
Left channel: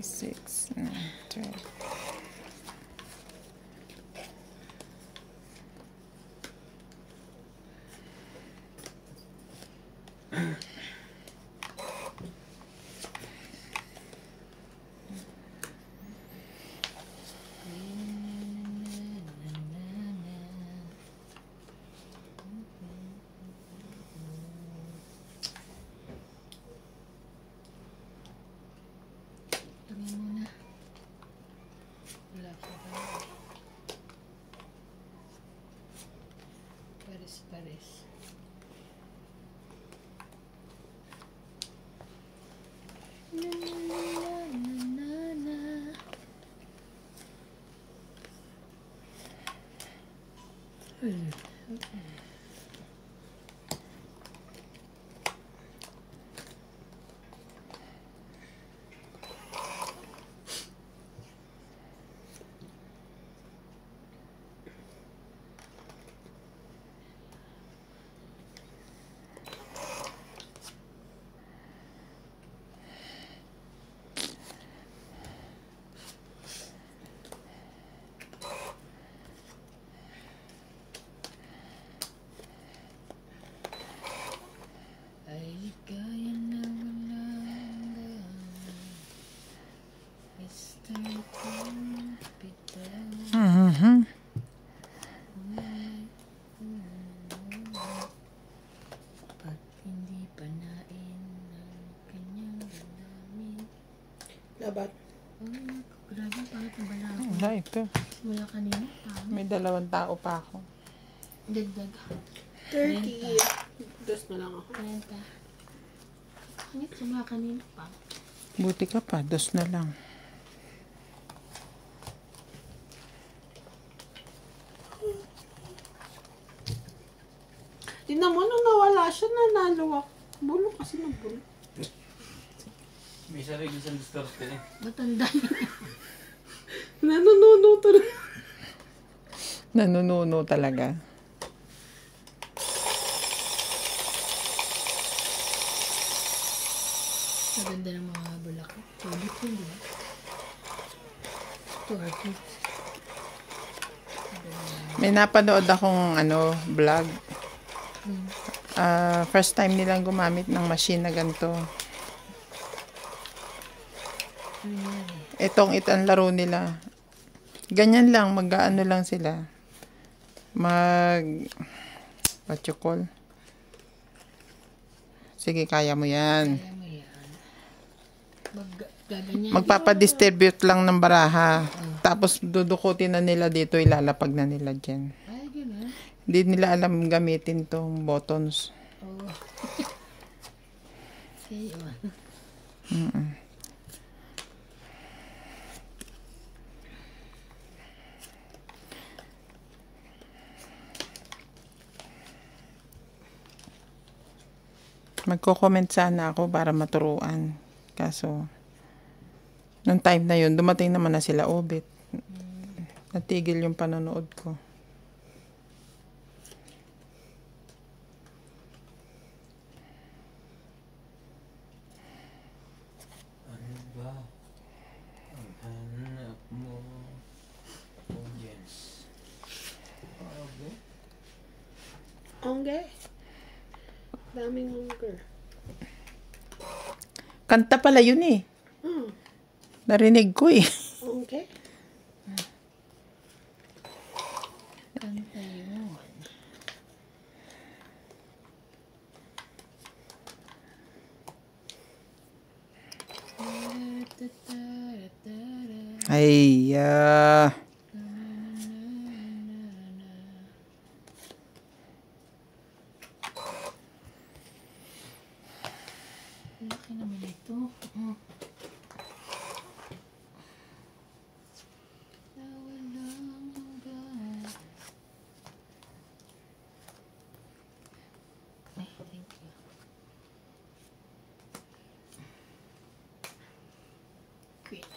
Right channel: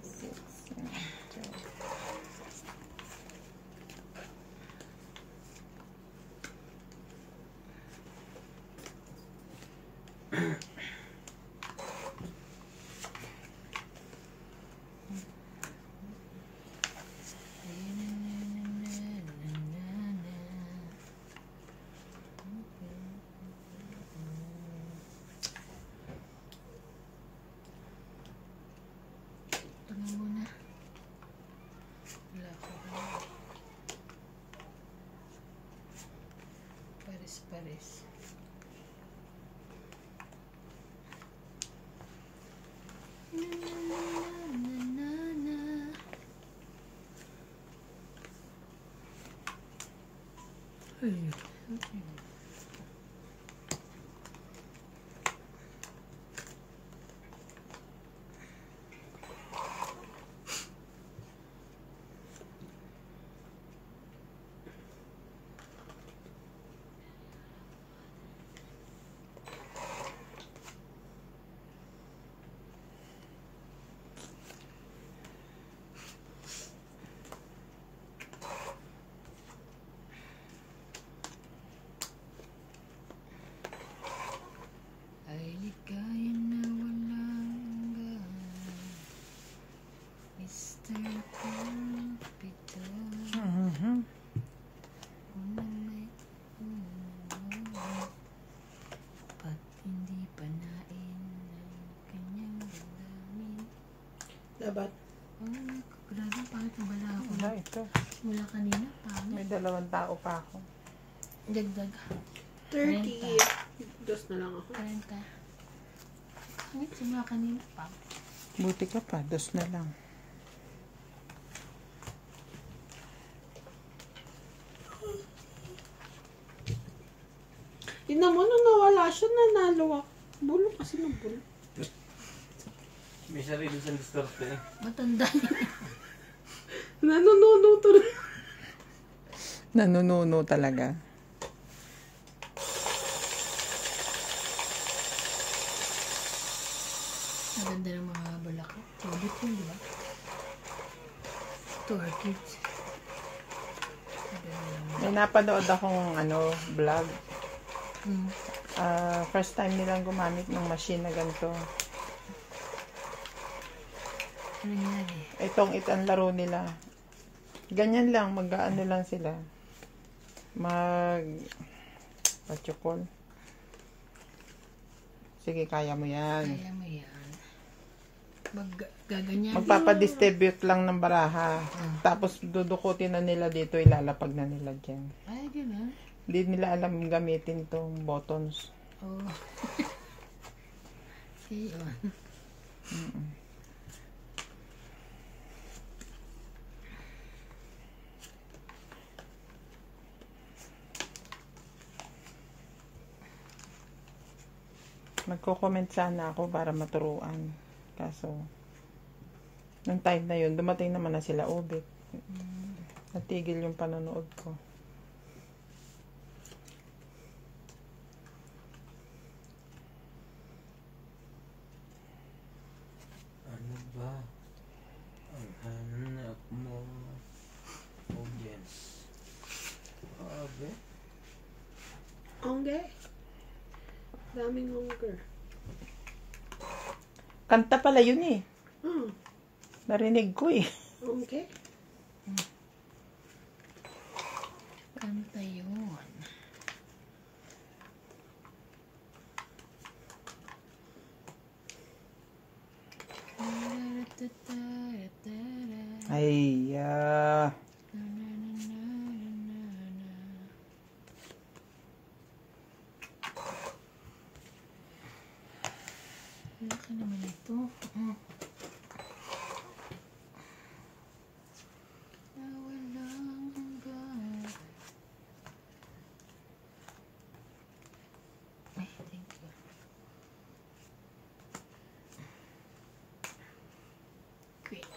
Six. Tingnan mo na. Wala siya. pares. Na, na, na, na, na. Ay di kaya na wala hanggang Mr. Kapitan. Ba't hindi panain ng kanyang damdamin? Labat. Grabe, bakit ang bala ako? Wala ito. Simula kanina. May 2 tao pa ako. Dagdag. 30. Dos na lang ako. 40. Bakit simula kanina pa? Buti ka pa, 2 na lang. Tingnan mo, nung nawala siya, nanalo ako. Bulok kasi ng bulok. May sarili siyang diskarte eh. Matanda. Nanununuto na. Nanununo talaga. Maganda ng mga bulak. Solid yun, di ba? Orchids. May napanood akong vlog. Hmm. First time nilang gumamit ng machine na ganito. Ano nangyari? Ito ang laro nila. Ganyan lang, mag-ano lang sila. What you call? Sige, kaya mo yan. Kaya mo yan. Gaganyan. Magpapadistribute lang ng baraha. Tapos dudukutin na nila dito, ilalapag na nila dyan. Ay, gano'n. Hindi nila alam gamitin tong buttons. Oh. Okay, oh. Magko-comment sana ako para maturuan. Kaso, nung time na yun, dumating naman na sila Obit. Natigil yung panonood ko. Ano ba ang hanap mo? Audience. Okay. Hongge. Daming hunger. Kanta pala yun eh. Hmm. Narinig ko eh. Hongge. Kanta yun. Ay, Laki naman ito. Nawalang ba? Ay, thank you. Quit.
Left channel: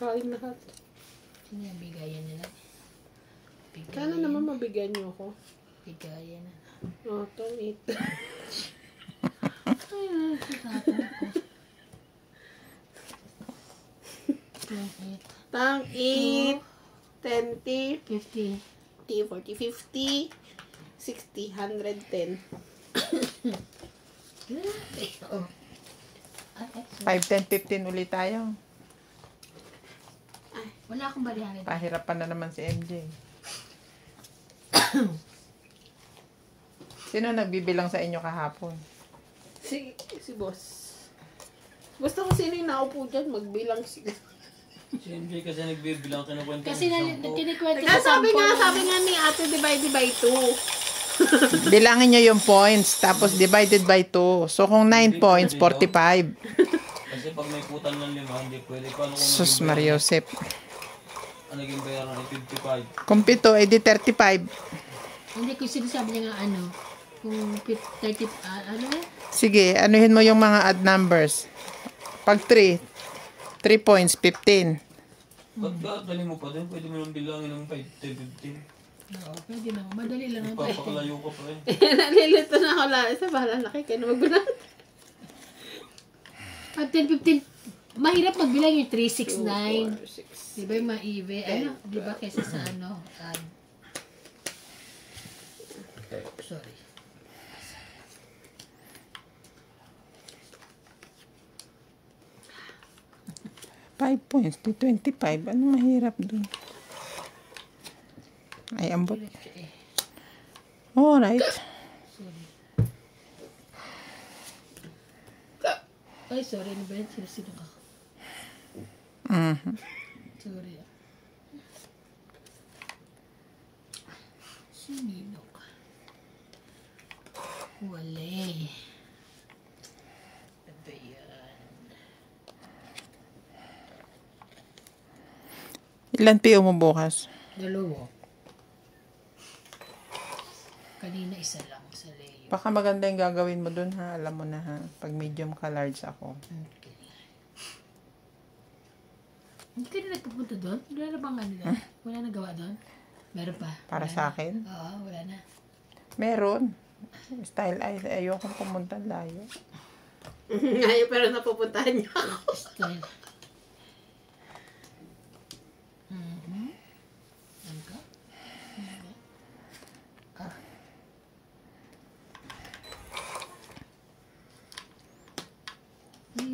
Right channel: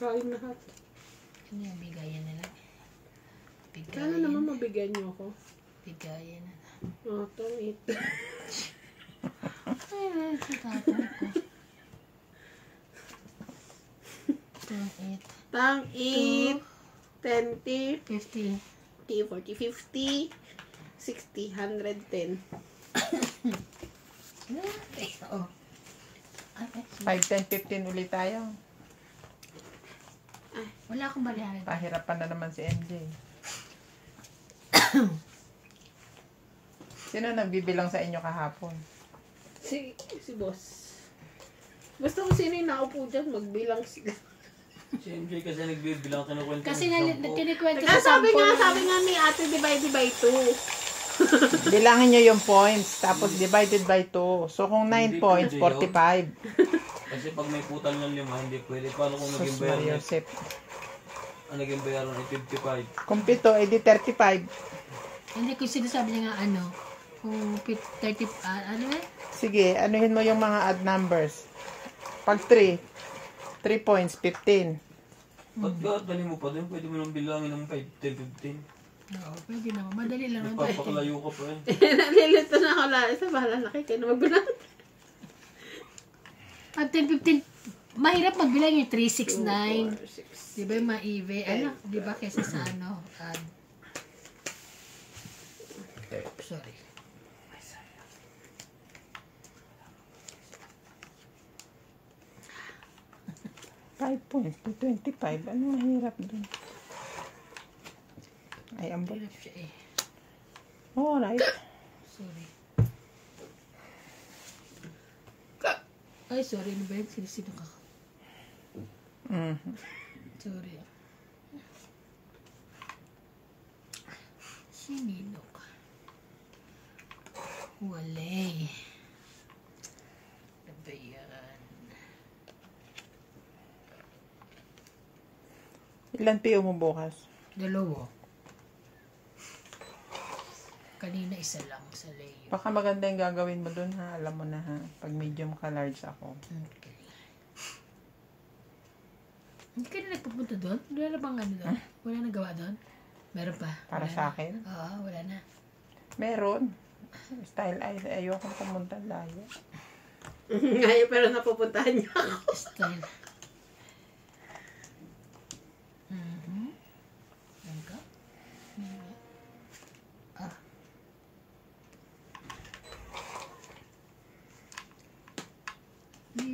Kain lahat. Ano yung bigayan nila? Kala naman mabigyan niyo ako. Bigayan na. Oh, tong 8. Ay, sa tatang ko. Tang 8. 10, 50. 40, 50, 60, 110. Oh. 5, 10, 15 ulit tayo. Wala akong balihan. Pahirapan na naman si MJ. Sino nagbibilang sa inyo kahapon? Si boss. Gusto ko sino yung naupo dyan, magbilang sila. Si MJ kasi nagbibilang kinukwento. Kasi kinikwento Kaya sa sabi sample. nga ni ate, divide by 2. Bilangin nyo yung points, tapos divided by 2. So, kung 9 points, 45. Kasi pag may putal ng 5, hindi pwede. Paano kung Sus naging Mario bayaran? Josep. Ang naging bayaran ay 55. Kung 7, edi 35. Hindi ko sinasabi niya nga ano. Kung 30, ano eh? Sige, anuhin mo yung mga odd numbers. Pag 3 points, 15. Ba't ka, dali mo pa doon? Pwede mo nang bilangin ng 5, 10, 15. Oo, pwede na. Madali lang naman. Papakalayo ka pa eh. Nalilito na ako lang. Isa bahala na kayo na magbilang. At 10, 15, mahirap magbilang yung 3, 6, 9. 6. Di ba yung maive? Ano? Di ba kesa sa ano? Sorry. 5 points to 25. Ano mahirap dun? Ay, ambot. Hirap siya eh. Alright. Sorry. Ay, sorry. Ano ba yun? Sino ko? Sorry. Sinino ka? Wala. Ano ba yan? Ilan PO mo bukas? Dalawa. Kanina isa lang sa layo. Baka maganda yung gagawin mo dun ha. Alam mo na ha. Pag medium ka large ako. Okay. Hindi ka na nagpupunta doon? Wala na bang ano doon? Wala na gawa doon? Meron pa? Para Wala sa na? akin? Oo, wala na. Meron. Style ay ayoko pumunta layo. Ngayon pero napupuntahan niya ako. Style. Yan ka?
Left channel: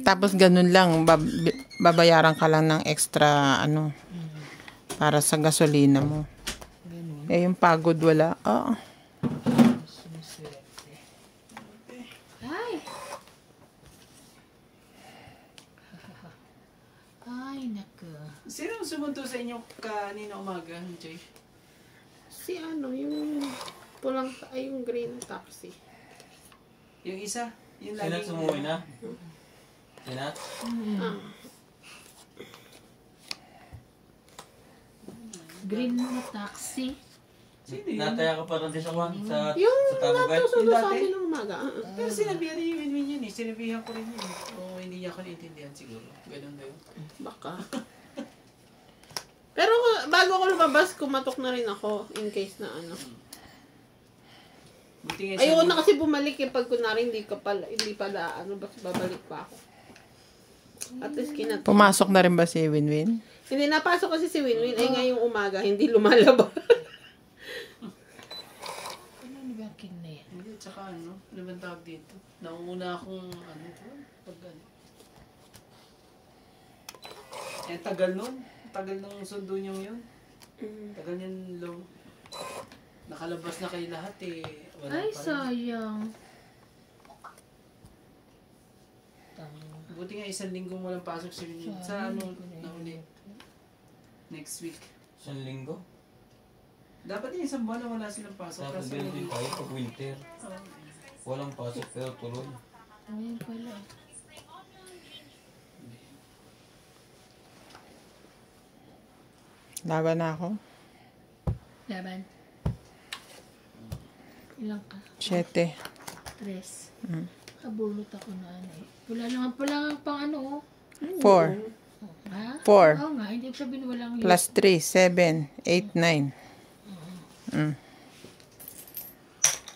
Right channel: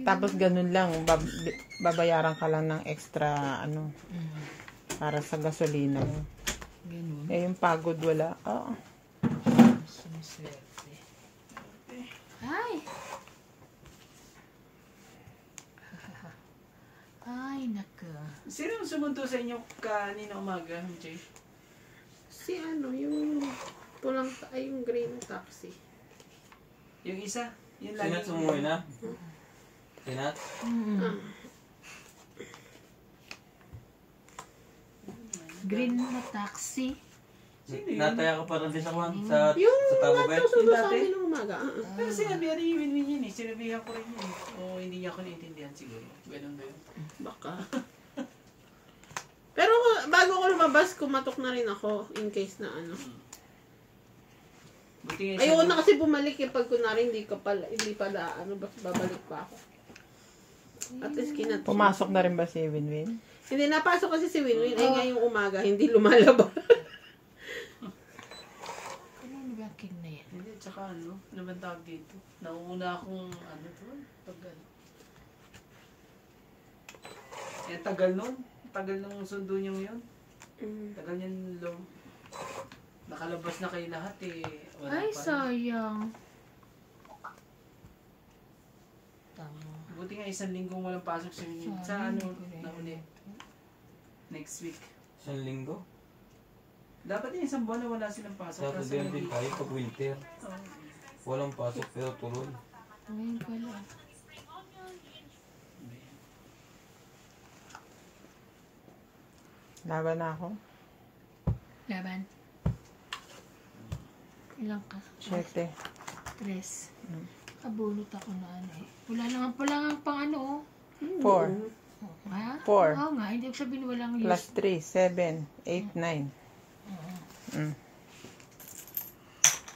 Tapos ganun lang. Babayaran ka lang ng extra ano. Para sa gasolina mo. Ganun. Eh yung pagod wala. Oo. Sumuswerte. Ay! Ay, naka. Sino ang sumunto sa inyo kanina umaga, Jay? Si ano, yung pulang, ay yung green taxi. Yung isa? Yung Sinat lagi sumuwi na? Sinat? Green na taxi. Sino yun? Nataya ka pa rin sa Juan? Sa Yung Tabugay? natusunod Yung sa dati? amin ng umaga. Pero sinabihan rin yung win-win yun eh. Sinabihan ko rin yun. O hindi niya ako naintindihan siguro. Ganun ba yun? Baka. Pero bago ko lumabas, kumatok na rin ako in case na ano. Buti nga Ayoko sabi- na kasi bumalik eh pag kunwari hindi pala ano, babalik pa ako. At least Pumasok na rin ba si Winwin? Hindi napasok kasi si Winwin ay ngayong umaga hindi lumalabas. Ano ba king na yan? Hindi, tsaka ano, naman tawag dito. Nauna akong, ano to, tagal. Eh, tagal nun. Tagal nung sundo niyo yun. Tagal niyan long. Nakalabas na kayo lahat eh. Wala Ay, pa rin. sayang. Tama. Buti nga 1 linggong walang pasok sa inyo. Sa ano, nauli. Next week. Isang linggo? Dapat yung 1 buwan na wala silang pasok. Dapat Kasi ganun din tayo pag winter. oh, Walang pasok pero tuloy. Ngayon pala. Laban na ako. Laban. Ilang ka? 7. 3. Kabunot ako na ano eh. Wala naman pala nga pang ano oh. 4. Ha? 4. Oo nga, hindi ko sabihin walang Plus 3. 7. 8, 9.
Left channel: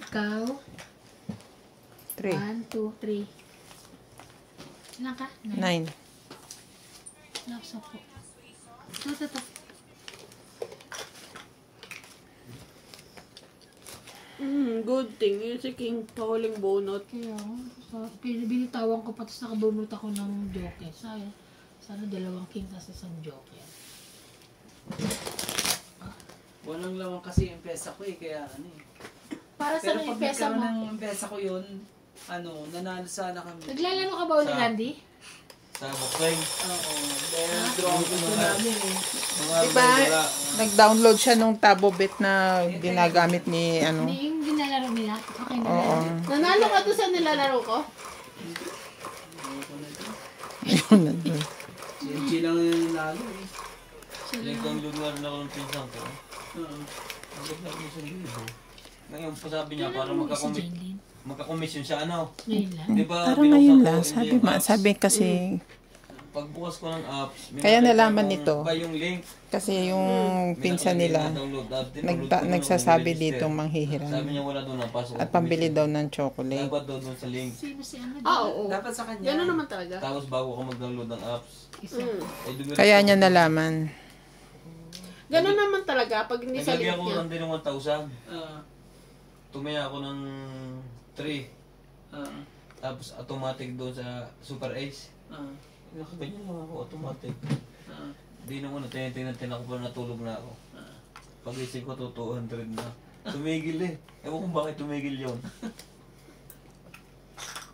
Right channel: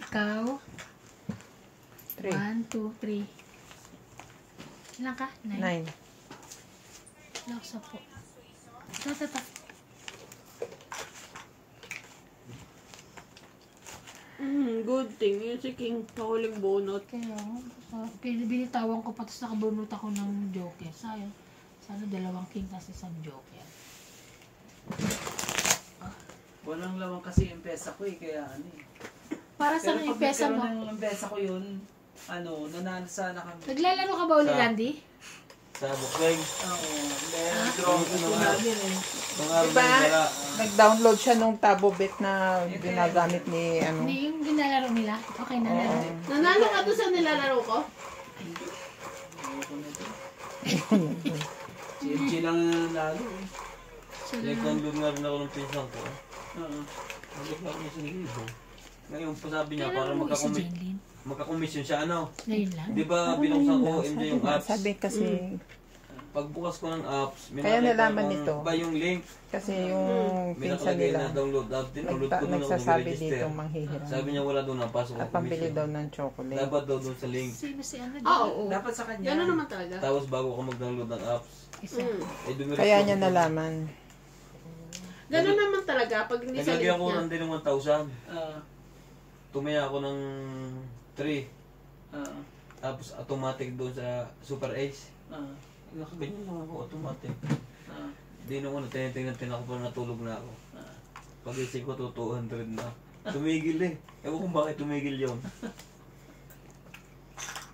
Ikaw? 3. 1, 2, 3. Ilang ka? 9. 9. Laksa po. Tatatak. Good thing. Yung si King, pahuling bunot. Kaya binitawan ko pa tapos nakabunot ako ng joke eh. Sayang. Sana 2 king tas 1 joke yan. walang laman kasi yung pesa ko eh. Kaya ano eh. Para sa Pero yung pag pesa nagkaroon mo. ng pesa ko yun, nanalo sana kami. Naglalaro ka ba ulit, Randy? Sa Bukweng. Oo, drawing ko namin eh. Mga Diba, dala. nag-download siya nung Tabobit na ginagamit ni ano. Hindi yung ginalaro nila. Okay na Oo. yan. Nanalo ka doon sa nilalaro ko? Si MJ lang yung nanalo eh. Nag-download na rin ako ng pinsan ko. Oo. Nag-download na ako ng 1,000. Ngayon, sabi niya, para Kailan mo si Jenlyn? magkakomisyon siya, ano? Ngayon lang. Di ba, Parang binuksan ngayon ko lang. hindi Sabi, yung apps. sabi kasi, Pagbukas ko ng apps, may Kaya nakita nalaman akong nito. Iba yung link. kasi yung May pinsan nakalagay nila, na download app. Tinulog ko na, nagsasabi nag-register. dito manghihiram. Sabi niya wala doon, napasok At ako pambili commission. daw ng chocolate. Dapat daw doon sa link. Sino si ano? Oo. Dapat sa kanya. Gano'n naman talaga. Tapos bago ka mag-download ng apps, Isa. dumiretso Kaya ako niya doon. nalaman. Gano'n naman talaga pag hindi sa Naglagyan link ko niya. ng din ng 1,000. Ah, Tumaya ako ng 3. ah, Tapos automatic doon sa Super Ace. ah, Nakaganyan lang ako, automatic. ah. Di na ko na tinitingnan ako pa natulog na ako. Ah. Pag-isip ko to 200 na. Tumigil eh. Ewan kung bakit tumigil yun.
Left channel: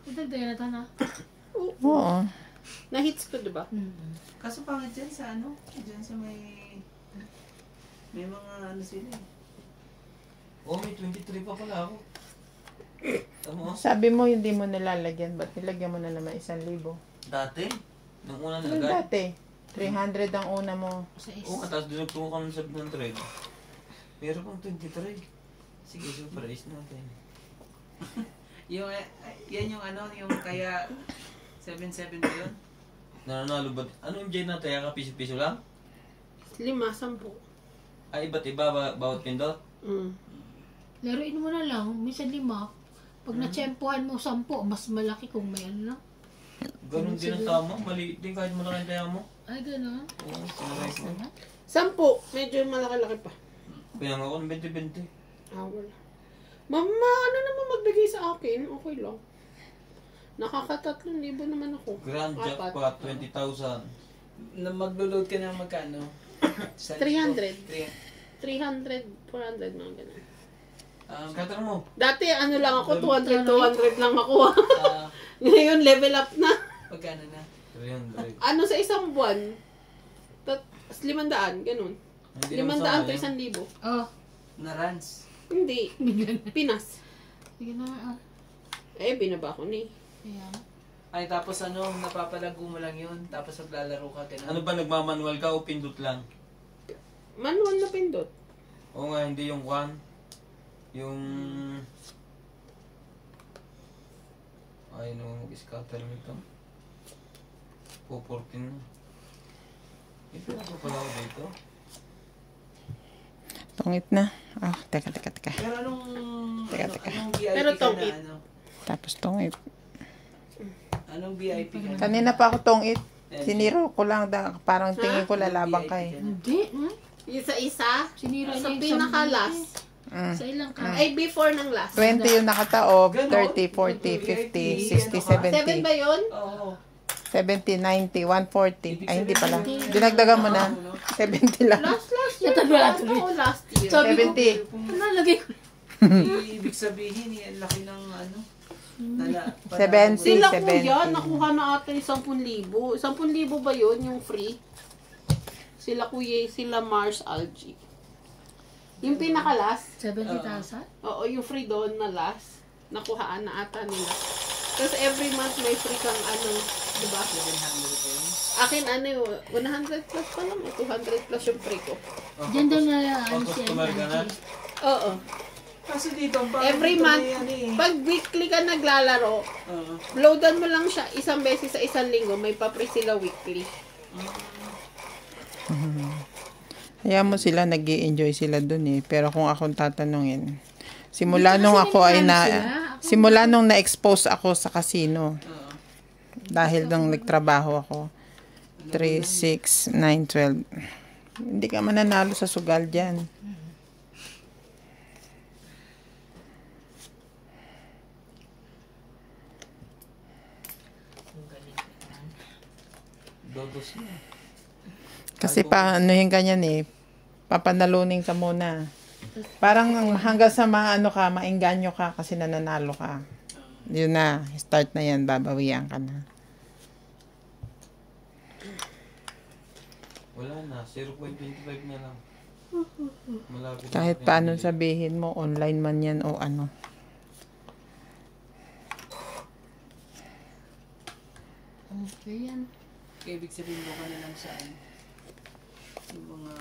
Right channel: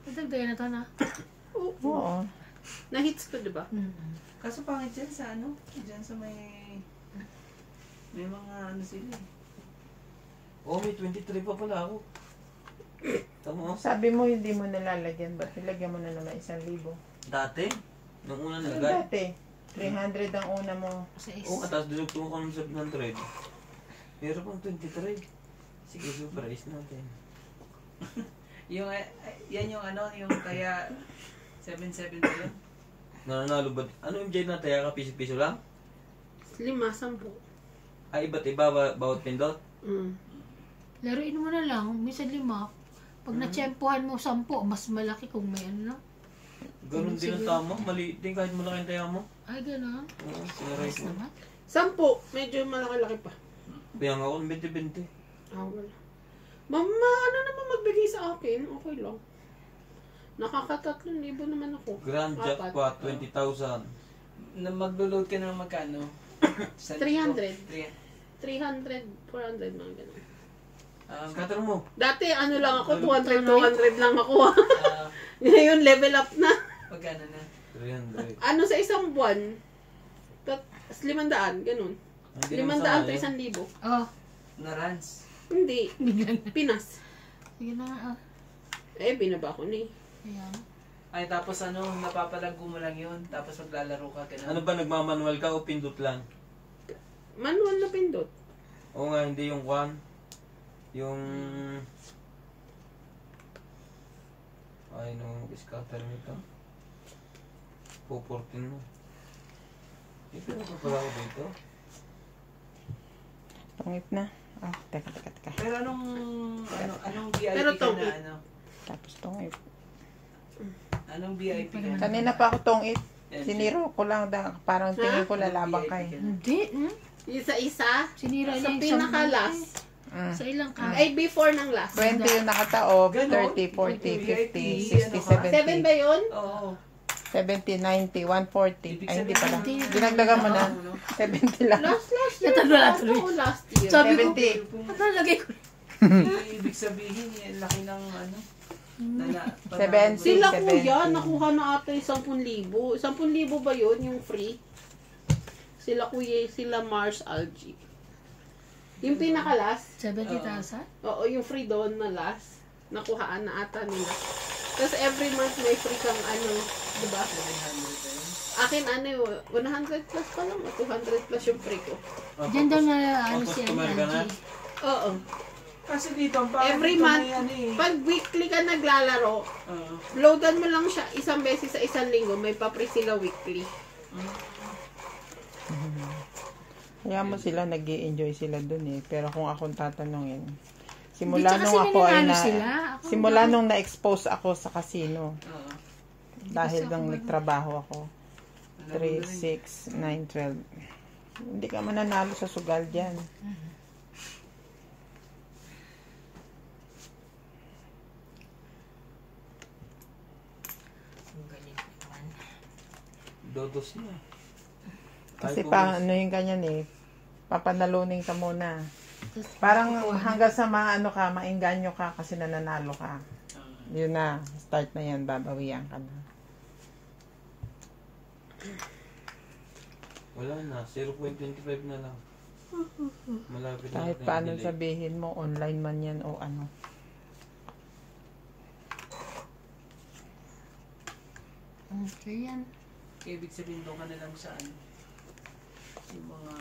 Dagdagan na to na. Oo. Na-hits ko, di ba? Kaso pangit dyan sa ano? Dyan sa may mga ano sila eh. Oh, may 23 pa pala ako. Tama. Sabi mo hindi mo nilalagyan, ba't nilagyan mo na naman 1,000? Dati, nung una Ano nilagay. dati? 300 ang una mo. Sa Oo, is. tapos dinugtong ko ng 700. Pero pang 23. Sige, Super Ace natin. Yung, yan yung ano, yung kaya 7-7 ba yun? Nananalo ba? Ano yung Jay natin? Kaya piso-piso lang? 5, 10. Ay, iba't iba bawat pindot? Laruin mo na lang. Minsan 5. Pag natsyempohan mo 10, mas malaki kung may ano na. Ganun din ang tama. Maliit din kahit malaki ang kaya mo. Ay, gano'n. Oo, sinaray ko. 10. Medyo malaki-laki pa. Kaya nga ako ng 20-20. Wala. Mama, ano naman magbigay sa akin? Okay lang. Nakaka-3,000 naman ako. Grand Apat. jackpot, 20,000. Na maglo-load ka ng magkano? 300. 300. 300, 400, mga ganun. Scatter mo. Dati ano lang ako, 200 lang ako. Ah, Ngayon, level up na. pagkano na? 300. Ano sa isang buwan? 500, ganun. Hindi 500 to naman 1,000. Oh, Na runs. Hindi. Pinas. sige na. Oh. Binaba ko na eh. Ayan. Ay, tapos ano, napapalago mo lang yun. Tapos maglalaro ka. Ganun. Ano ba, nagmamanual ka o pindot lang? Manual na pindot. Oo nga, hindi yung one. Yung... Ay, no, mag-scatter nito. 414 na. Ipila ko pala ako dito. Tungit na. Teka. Pero anong VIP Pero ka tongit. na ano? Tapos tungit. Anong VIP ka na? Kanina pa ako tungit. LG? Siniro ko lang. Parang tingin ko lalabang VIP ka eh. ka na? Hindi. Isa-isa. Sinira Sa niya yung pinaka-last. Sa ilang ka. Ay, before ng last. 20 yung nakataob. Ganon. 30, 40, 50, 60, 7 ba 70. yun? Oo. 70, 90, 140. Ay, hindi pala. Hindi. Dinagdagan mo na. 70 lang. Last year. Natagalan Last tuloy. ako last year. Sabi ko, 70. ano lagay ko? Ibig sabihin, ang laki ng ano. Nala, 70. Sila 70. kuya, nakuha na ata yung 10,000. 10,000 ba yun, yung free? Sila kuya, sila Mars Algae. Yung pinaka-last, 70,000? oo, yung free doon na last, nakuhaan na ata nila. Tapos every month may free kang ano, di ba? 700 pa yun. Akin ano yun, 100 plus pa lang, o 200 plus yung free ko. Diyan daw na ano si Customer ka na? Angie. Oo. Kasi dito, ang Every dito month, na yan eh. pag weekly ka naglalaro, Oo. loadan mo lang siya isang beses sa isang linggo, may pa-free sila weekly. Kaya mo sila, nag-i-enjoy sila dun eh. Pero kung akong tatanungin, simula Dito nung kasi ako ay nangyayari sila. Ako simula nung na-expose ako sa casino, Oo. dahil nung nagtrabaho ako, 3, 6, 9, 12. Hindi ka mananalo sa sugal dyan. Dodos na. Kasi pa, ano yung ganyan eh, papanalunin ka muna. Parang hanggang sa maano ka, maengganyo ka kasi nananalo ka. Yun na, start na yan, babawian ka na. Wala na, 0.25 na lang. Malapit na Kahit natin paano bili. sabihin mo, online man yan o ano. Okay yan. Ibig sabihin doon ka na lang saan. Yung mga...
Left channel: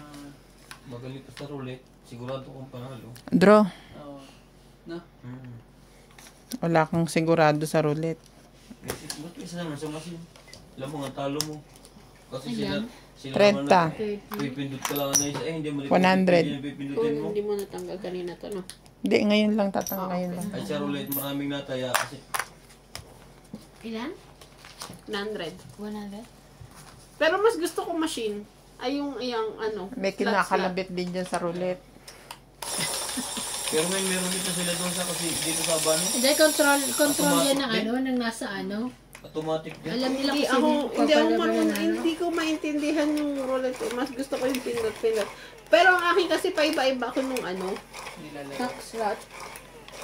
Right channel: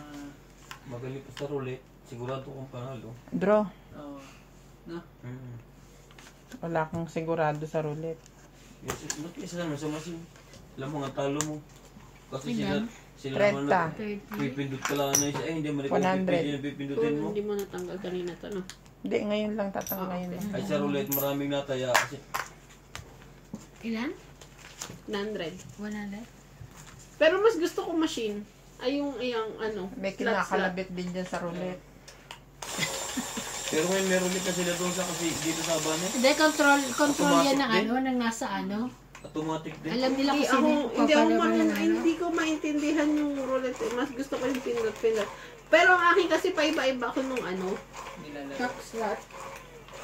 Magaling pa sa roulette, sigurado kong panalo. Draw, Oh, no? wala kang sigurado sa roulette. Notice naman sa machine. Alam mo nga, talo mo. Kasi Ayan. sila 30. pipindot ka lang na isa. Eh, hindi mo 100. hindi pipindutin mo. Hindi mo natanggal kanina to, no? Hindi, ngayon lang ngayon lang. Ay, sa roulette, maraming nataya. Kasi Ilan? 100. 100? Pero mas gusto ko machine. Ay, yung ano. May slot. kinakalabit din dyan sa roulette. pero ngayon meron din pa sila doon sa kasi dito sa Abano. Hindi, control yan ng Automatic ano, ng nasa ano. Automatic din. Alam nila Hindi kung ako, sino hindi hindi ko maintindihan yung roulette. Mas gusto ko yung pindot. Pero ang akin kasi paiba-iba ko nung ano, Nilalagay. knock slot.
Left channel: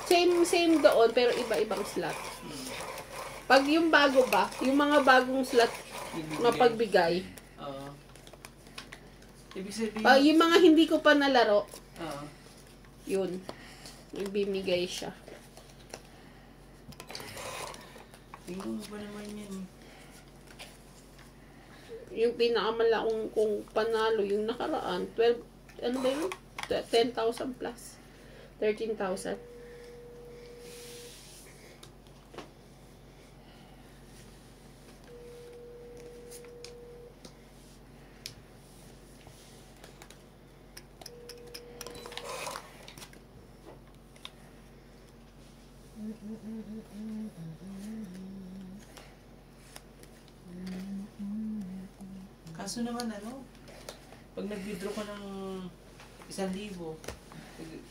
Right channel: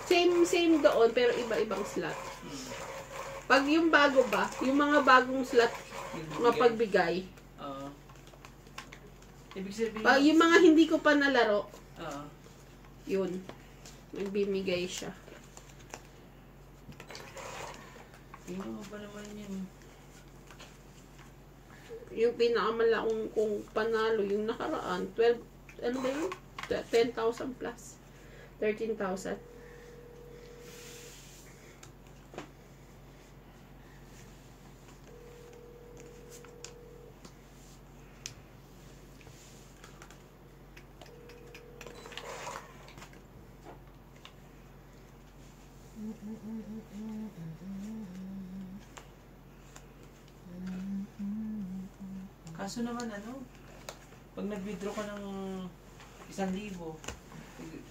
Same doon, pero iba-ibang slot. Pag yung bago ba, yung mga bagong slot mapagbigay. Oo. Ibig sabihin... Yung mga hindi ko pa nalaro, Oo. yun. Nagbimigay siya. Tingnan mo ba naman yan? Yung pinakamalakong kung panalo, yung nakaraan, 12, ano ba yun? 10,000 plus. 13,000. Kaso naman ano, pag nag-withdraw ka ng 1,000,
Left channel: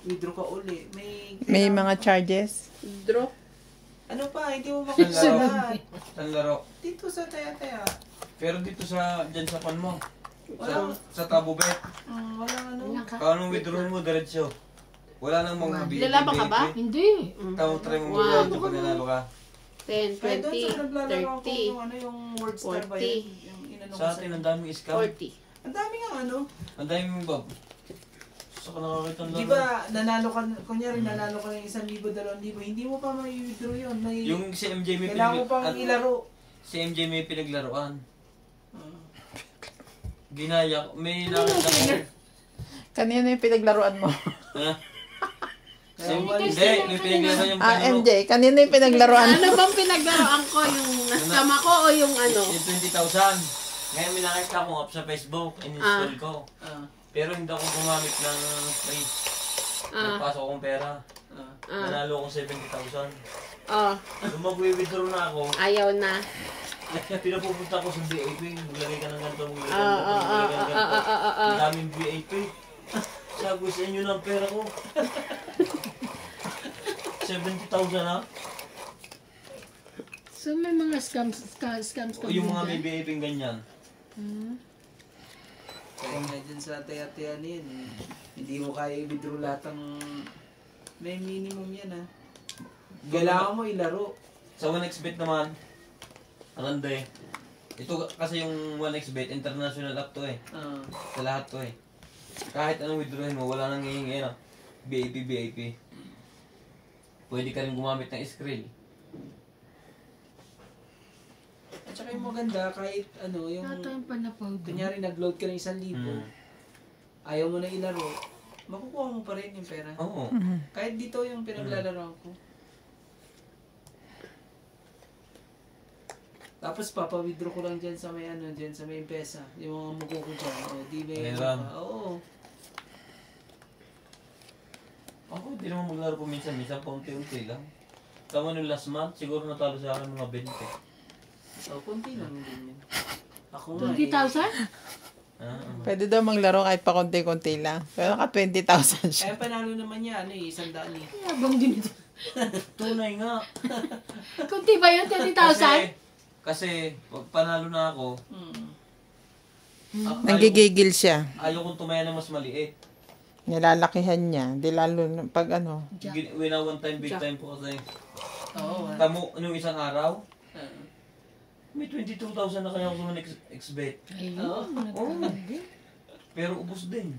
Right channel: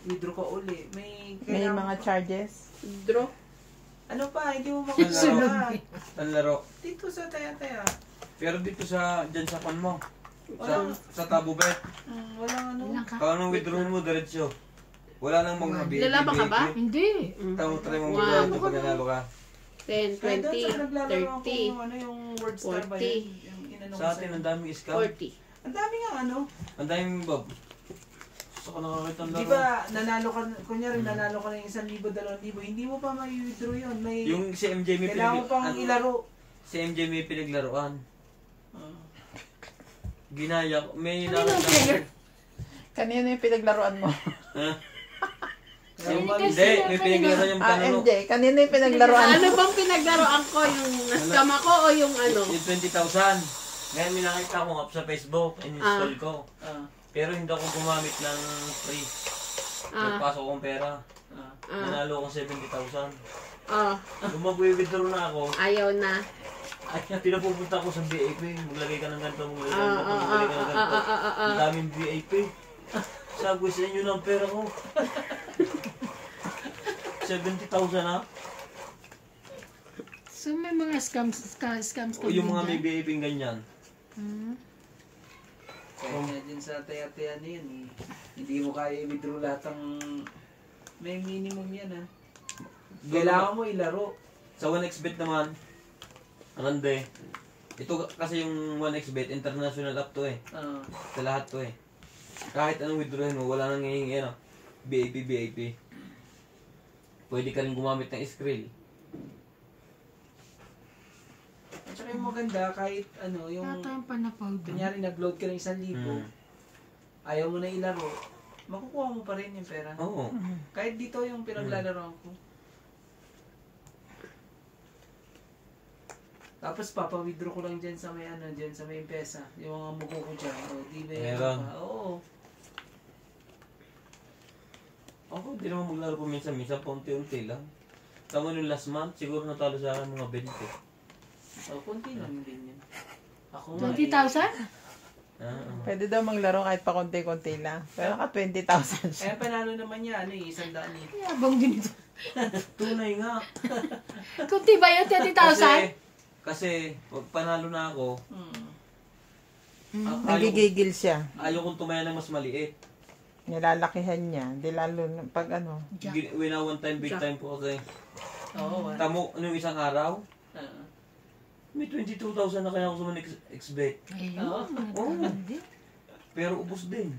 withdraw ka uli, May kailangan mga pa- charges. Draw. Ano pa, hindi mo Ang makuha laro. lahat. Ang laro. Dito sa taya-taya. Pero dito sa, dyan sa pan mo. Wala, Sa tabo bet. walang ano. Ilan ka? Kung anong withdraw mo, diretso. Wala nang mga BAP. Lalaban ka ba? Hindi. Ikaw, try mo One. mag-diretso pag nanalo ka. 10, Kaya doon sa 20, naglalaro ako 30, yung ano yung word star ba 40. yun? Yung inano Sa atin, ang daming scam. 40. Ang dami nga ano. Ang daming bob. Sa ka nakakita ng Di laro. ba nanalo ka, kunyari nanalo ka ng 1,000, 2,000, hindi mo pa may withdraw yun. May, Yung si MJ may kailangan mo pang ilaro. Si MJ may pinaglaruan. Ah. Ginaya. May Ano yung pinag- Kanina yung pinaglaruan mo. Si Kaya Kasi Hindi, sila may kanina- pinaglaruan yung panalo. MJ, kanina yung pinaglaruan Ano mo. bang pinaglaroan ko? Yung nascam ako o yung ano? Yung 20,000. Ngayon may nakita ko up sa Facebook, in-install ko. Ah, Pero hindi ako gumamit ng free. Ah. Nagpasok akong pera. ah. Nanalo akong 70,000. Oh, Kung mag-withdraw na ako, ayaw na. ay pinapupunta ko sa BAP. Maglagay ka ng ganito, maglagay ka ng ganito, Ah, maglagay ka ng ganito. Ang ah. daming BAP. Sabi sa inyo ng pera ko. 70,000 ha? So may mga scams O yung mga may BAP ganyan. Kaya nga dyan sa taya-taya na yun, hindi mo kaya i-withdraw lahat ng... May minimum yan ha. Kailangan mo ilaro. Sa 1xbet naman, Arande. Ito kasi yung 1xbet, international app to eh. Ah, Sa lahat to eh. Kahit anong withdrawin mo, wala nang hihingi na. BAP. Pwede ka rin gumamit ng Skrill. at saka yung maganda, kahit ano, yung... Wala tayong panapaw doon. Kunyari nag-load ka ng 1,000, ayaw mo na ilaro, makukuha mo pa rin yung pera. Oo. Kahit dito yung pinaglalaroan ko. Tapos papa-withdraw ko lang dyan sa may ano, dyan sa may M-Pesa. Yung mga muko ko dyan. O, di ba yung Meron. Oo. Ako hindi naman maglaro po minsan paunti-unti lang. Tama nung last month, siguro natalo sa akin mga 20. O, konti lang din yan. Ako nga 20,000? Pwede daw maglaro kahit pa konti-konti lang. Pero ka 20,000 siya. Eh, panalo naman niya, ano eh, 100 eh. Yabang din ito. Tunay nga. Kunti ba yun? 20,000? Kasi pag panalo na ako, Hmm. Nanggigigil siya. ayaw kong tumaya ng mas maliit. Nilalakihan niya. Di lalo pag ano. Jack. Wina one time, big time po kasi. Oo. Tamo, ano yung isang araw? Ah. May 22,000 na kaya ako sa ex-bet. Ayun. Oo. Nagkakaroon. Pero ubos din.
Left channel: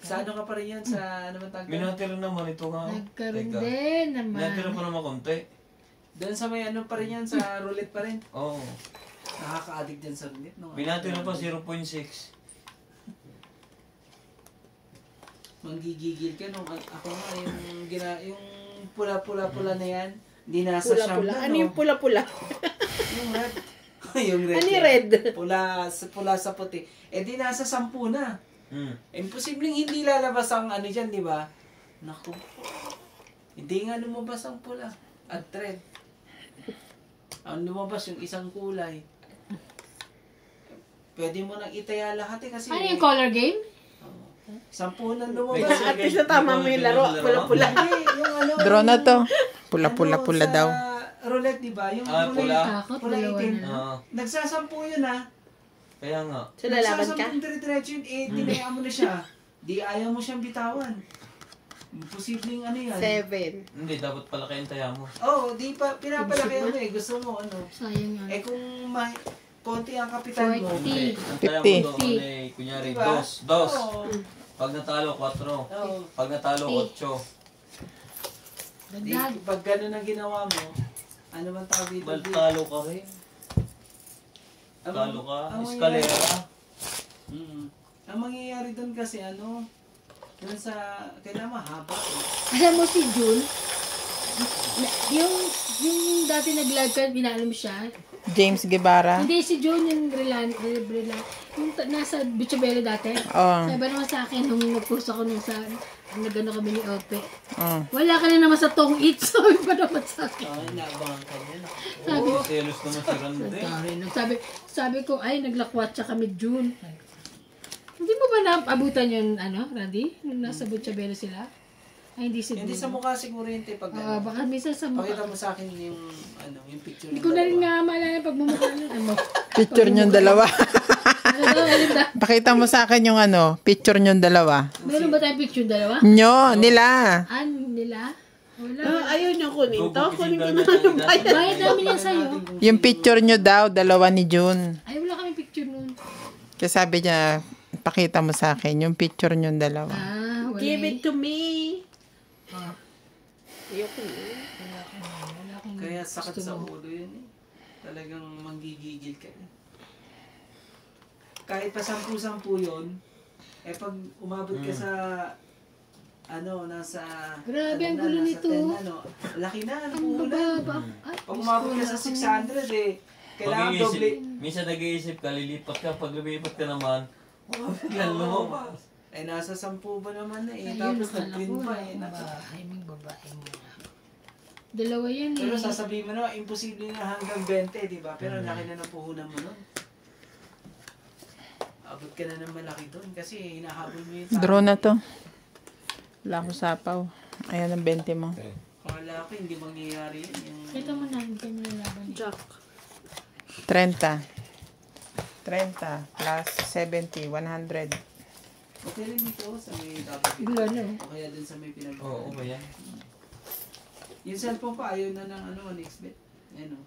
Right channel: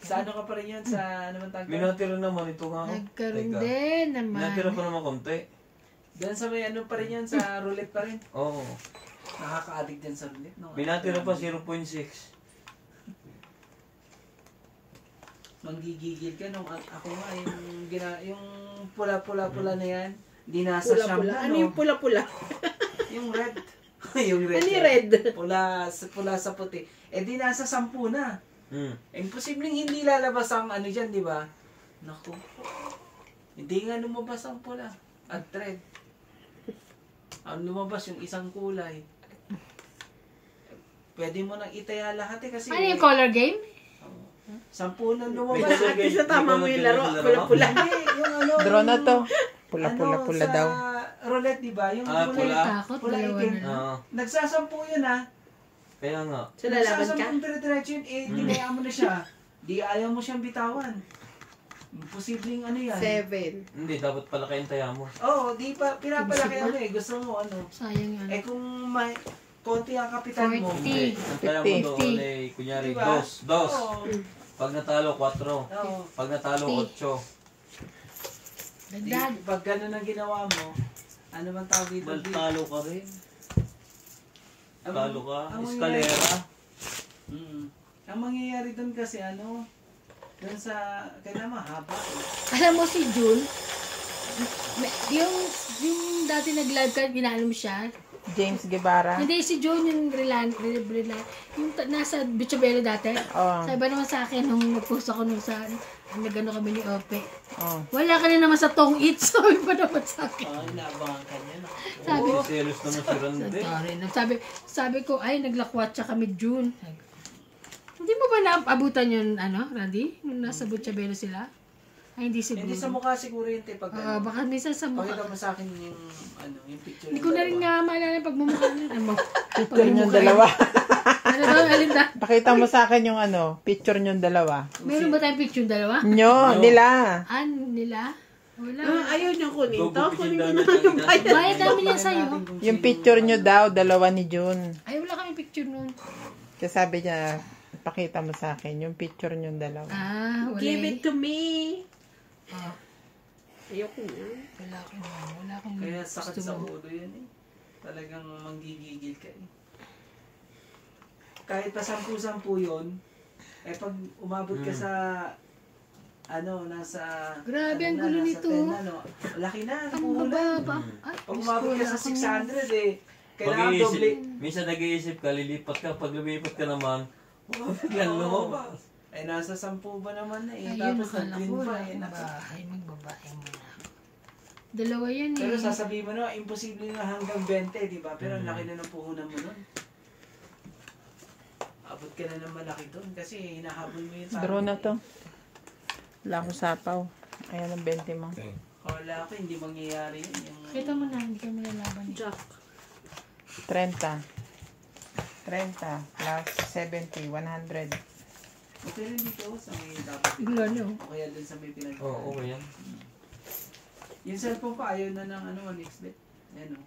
Sa ano ka pa rin yan? Sa ano man tawag? Minatira naman ito nga. Nagkaroon Teka. din naman. Minatira pa naman konti. Doon sa may ano pa rin yan? Sa roulette pa rin? Oo. Nakaka-addict din sa roulette. No? Minatira pa 0.6. Manggigigil ka no. Ako nga yung pula-pula-pula na yan. Di nasa siyam Pula-pula. na, Ano no? yung pula-pula? Yung red. Yung red. Ano yung yan. red? Pula sa puti. Eh di nasa 10 na. Hmm. Imposibleng hindi lalabas ang ano dyan, di ba? Naku. Hindi nga lumabas ang pula. At red. Ang lumabas yung isang kulay. Pwede mo nang itaya lahat eh kasi... Ano yung color game? 10 nang lumabas. At least na tama mo yung laro. Pula-pula. Hindi, yung ano... Draw na to. ano, Pula-pula-pula daw. Sa roulette, di ba? Yung Ah, kulay, pula. Takot, pula dalawa itim. na. Oo. Nagsasampu yun ha. Kaya nga. So, lalaban ka? Nagsasampung dire-diretso yun, eh, dinayaan mo na siya. Di ayaw mo siyang bitawan. Posibleng ano yan. 7. Hindi, dapat palaki yung taya mo. Oo, di pa, pinapalaki mo eh. Gusto mo ano. Sayang yan. Eh kung may konti ang kapital mo. 40. Hindi. Ang taya mo 50. doon ay, kunyari, Diba? dos. Oo. Pag natalo, 4. Oo. Pag natalo, 8. Di, Dagdag. pag ganun ang ginawa mo, ano man tawag dito? Dahil talo ka rin. Ang- Talo ka. ang Eskalera. Mm. Ang mangyayari doon kasi ano, doon sa, kailangan mahaba. Eh. Alam mo si June, yung dati nag-live ka, ginaanom siya. James Guevara. Hindi, si June yung yung nasa Bichabelo dati. Oh. Sabi naman sa akin, nung nag-post ako nung sa, nag-ano kami ni Ope. Oh. Wala ka na naman sa tong eat, sabi pa naman sa akin. Ay, naabangan ka niya. Sabi Oo, ko, selos naman si Randy. sorry. Sabi ko, ay, naglakwatsa kami June. Hindi mo ba naabutan yun, ano, Randy? Nung nasa Bichabelo sila? Ay, hindi siguro. Hindi sa mukha siguro yun, te, pag ano. Baka minsan sa mukha. Pakita mo sa akin yung, ano, yung picture. Hindi ko na rin nga maalala pag mumukha nun. Ay mo. Picture niyong dalawa. Ano ba? Meron ba? Pakita mo sa akin yung ano, picture niyong dalawa. Meron ba tayong picture dalawa? Nyo, nila. Nila? Wala. Ayaw niya kunin to. Kunin ko na Go, yung bayad. Bayad namin yan sa'yo. Yung picture nyo daw, dalawa ni June. Ay, wala kami picture nun. Kasi sabi niya, pakita mo sa akin yung picture nyo dalawa. Wala. Give it to me. Ah, Ayoko na. wala akong Kaya sakit gusto sa mo. ulo yan eh. Talagang manggigigil ka eh. Kahit pa 10 yun, eh pag umabot ka sa ano, nasa... Grabe, ano ang na, gulo nasa nito. 10 na, no? Laki na, Ang puhunan. baba. Ay, Pag umabot ka sa 600 eh, kailangan Pag-iisip, doble. minsan nag-iisip ka, lilipat ka. Pag lumipat ka naman, biglang lumabas. Eh, nasa 10 ba naman na eh. ayun, Tapos nakala nag-win ko. pa eh. Babae, may babae mo na. Dalawa yan eh. Pero sasabihin mo na, imposible na hanggang 20, di ba? Pero ang laki na ng puhunan mo nun. Abot ka na ng malaki doon kasi hinahabol mo yung tao. Draw na to. Wala ko sapaw. Ayan ang 20 mo. Kala ko hindi mangyayari yun. Yung... Kita mo na, hindi ka mo nalaban eh. Jack. 30. 30 plus 70, 100. Okay rin dito sa may dapat dito. Bigla na. O kaya dun sa may pinag- Oo, yan. Yung cellphone pa, ayaw na ng ano, next bet. Yan o.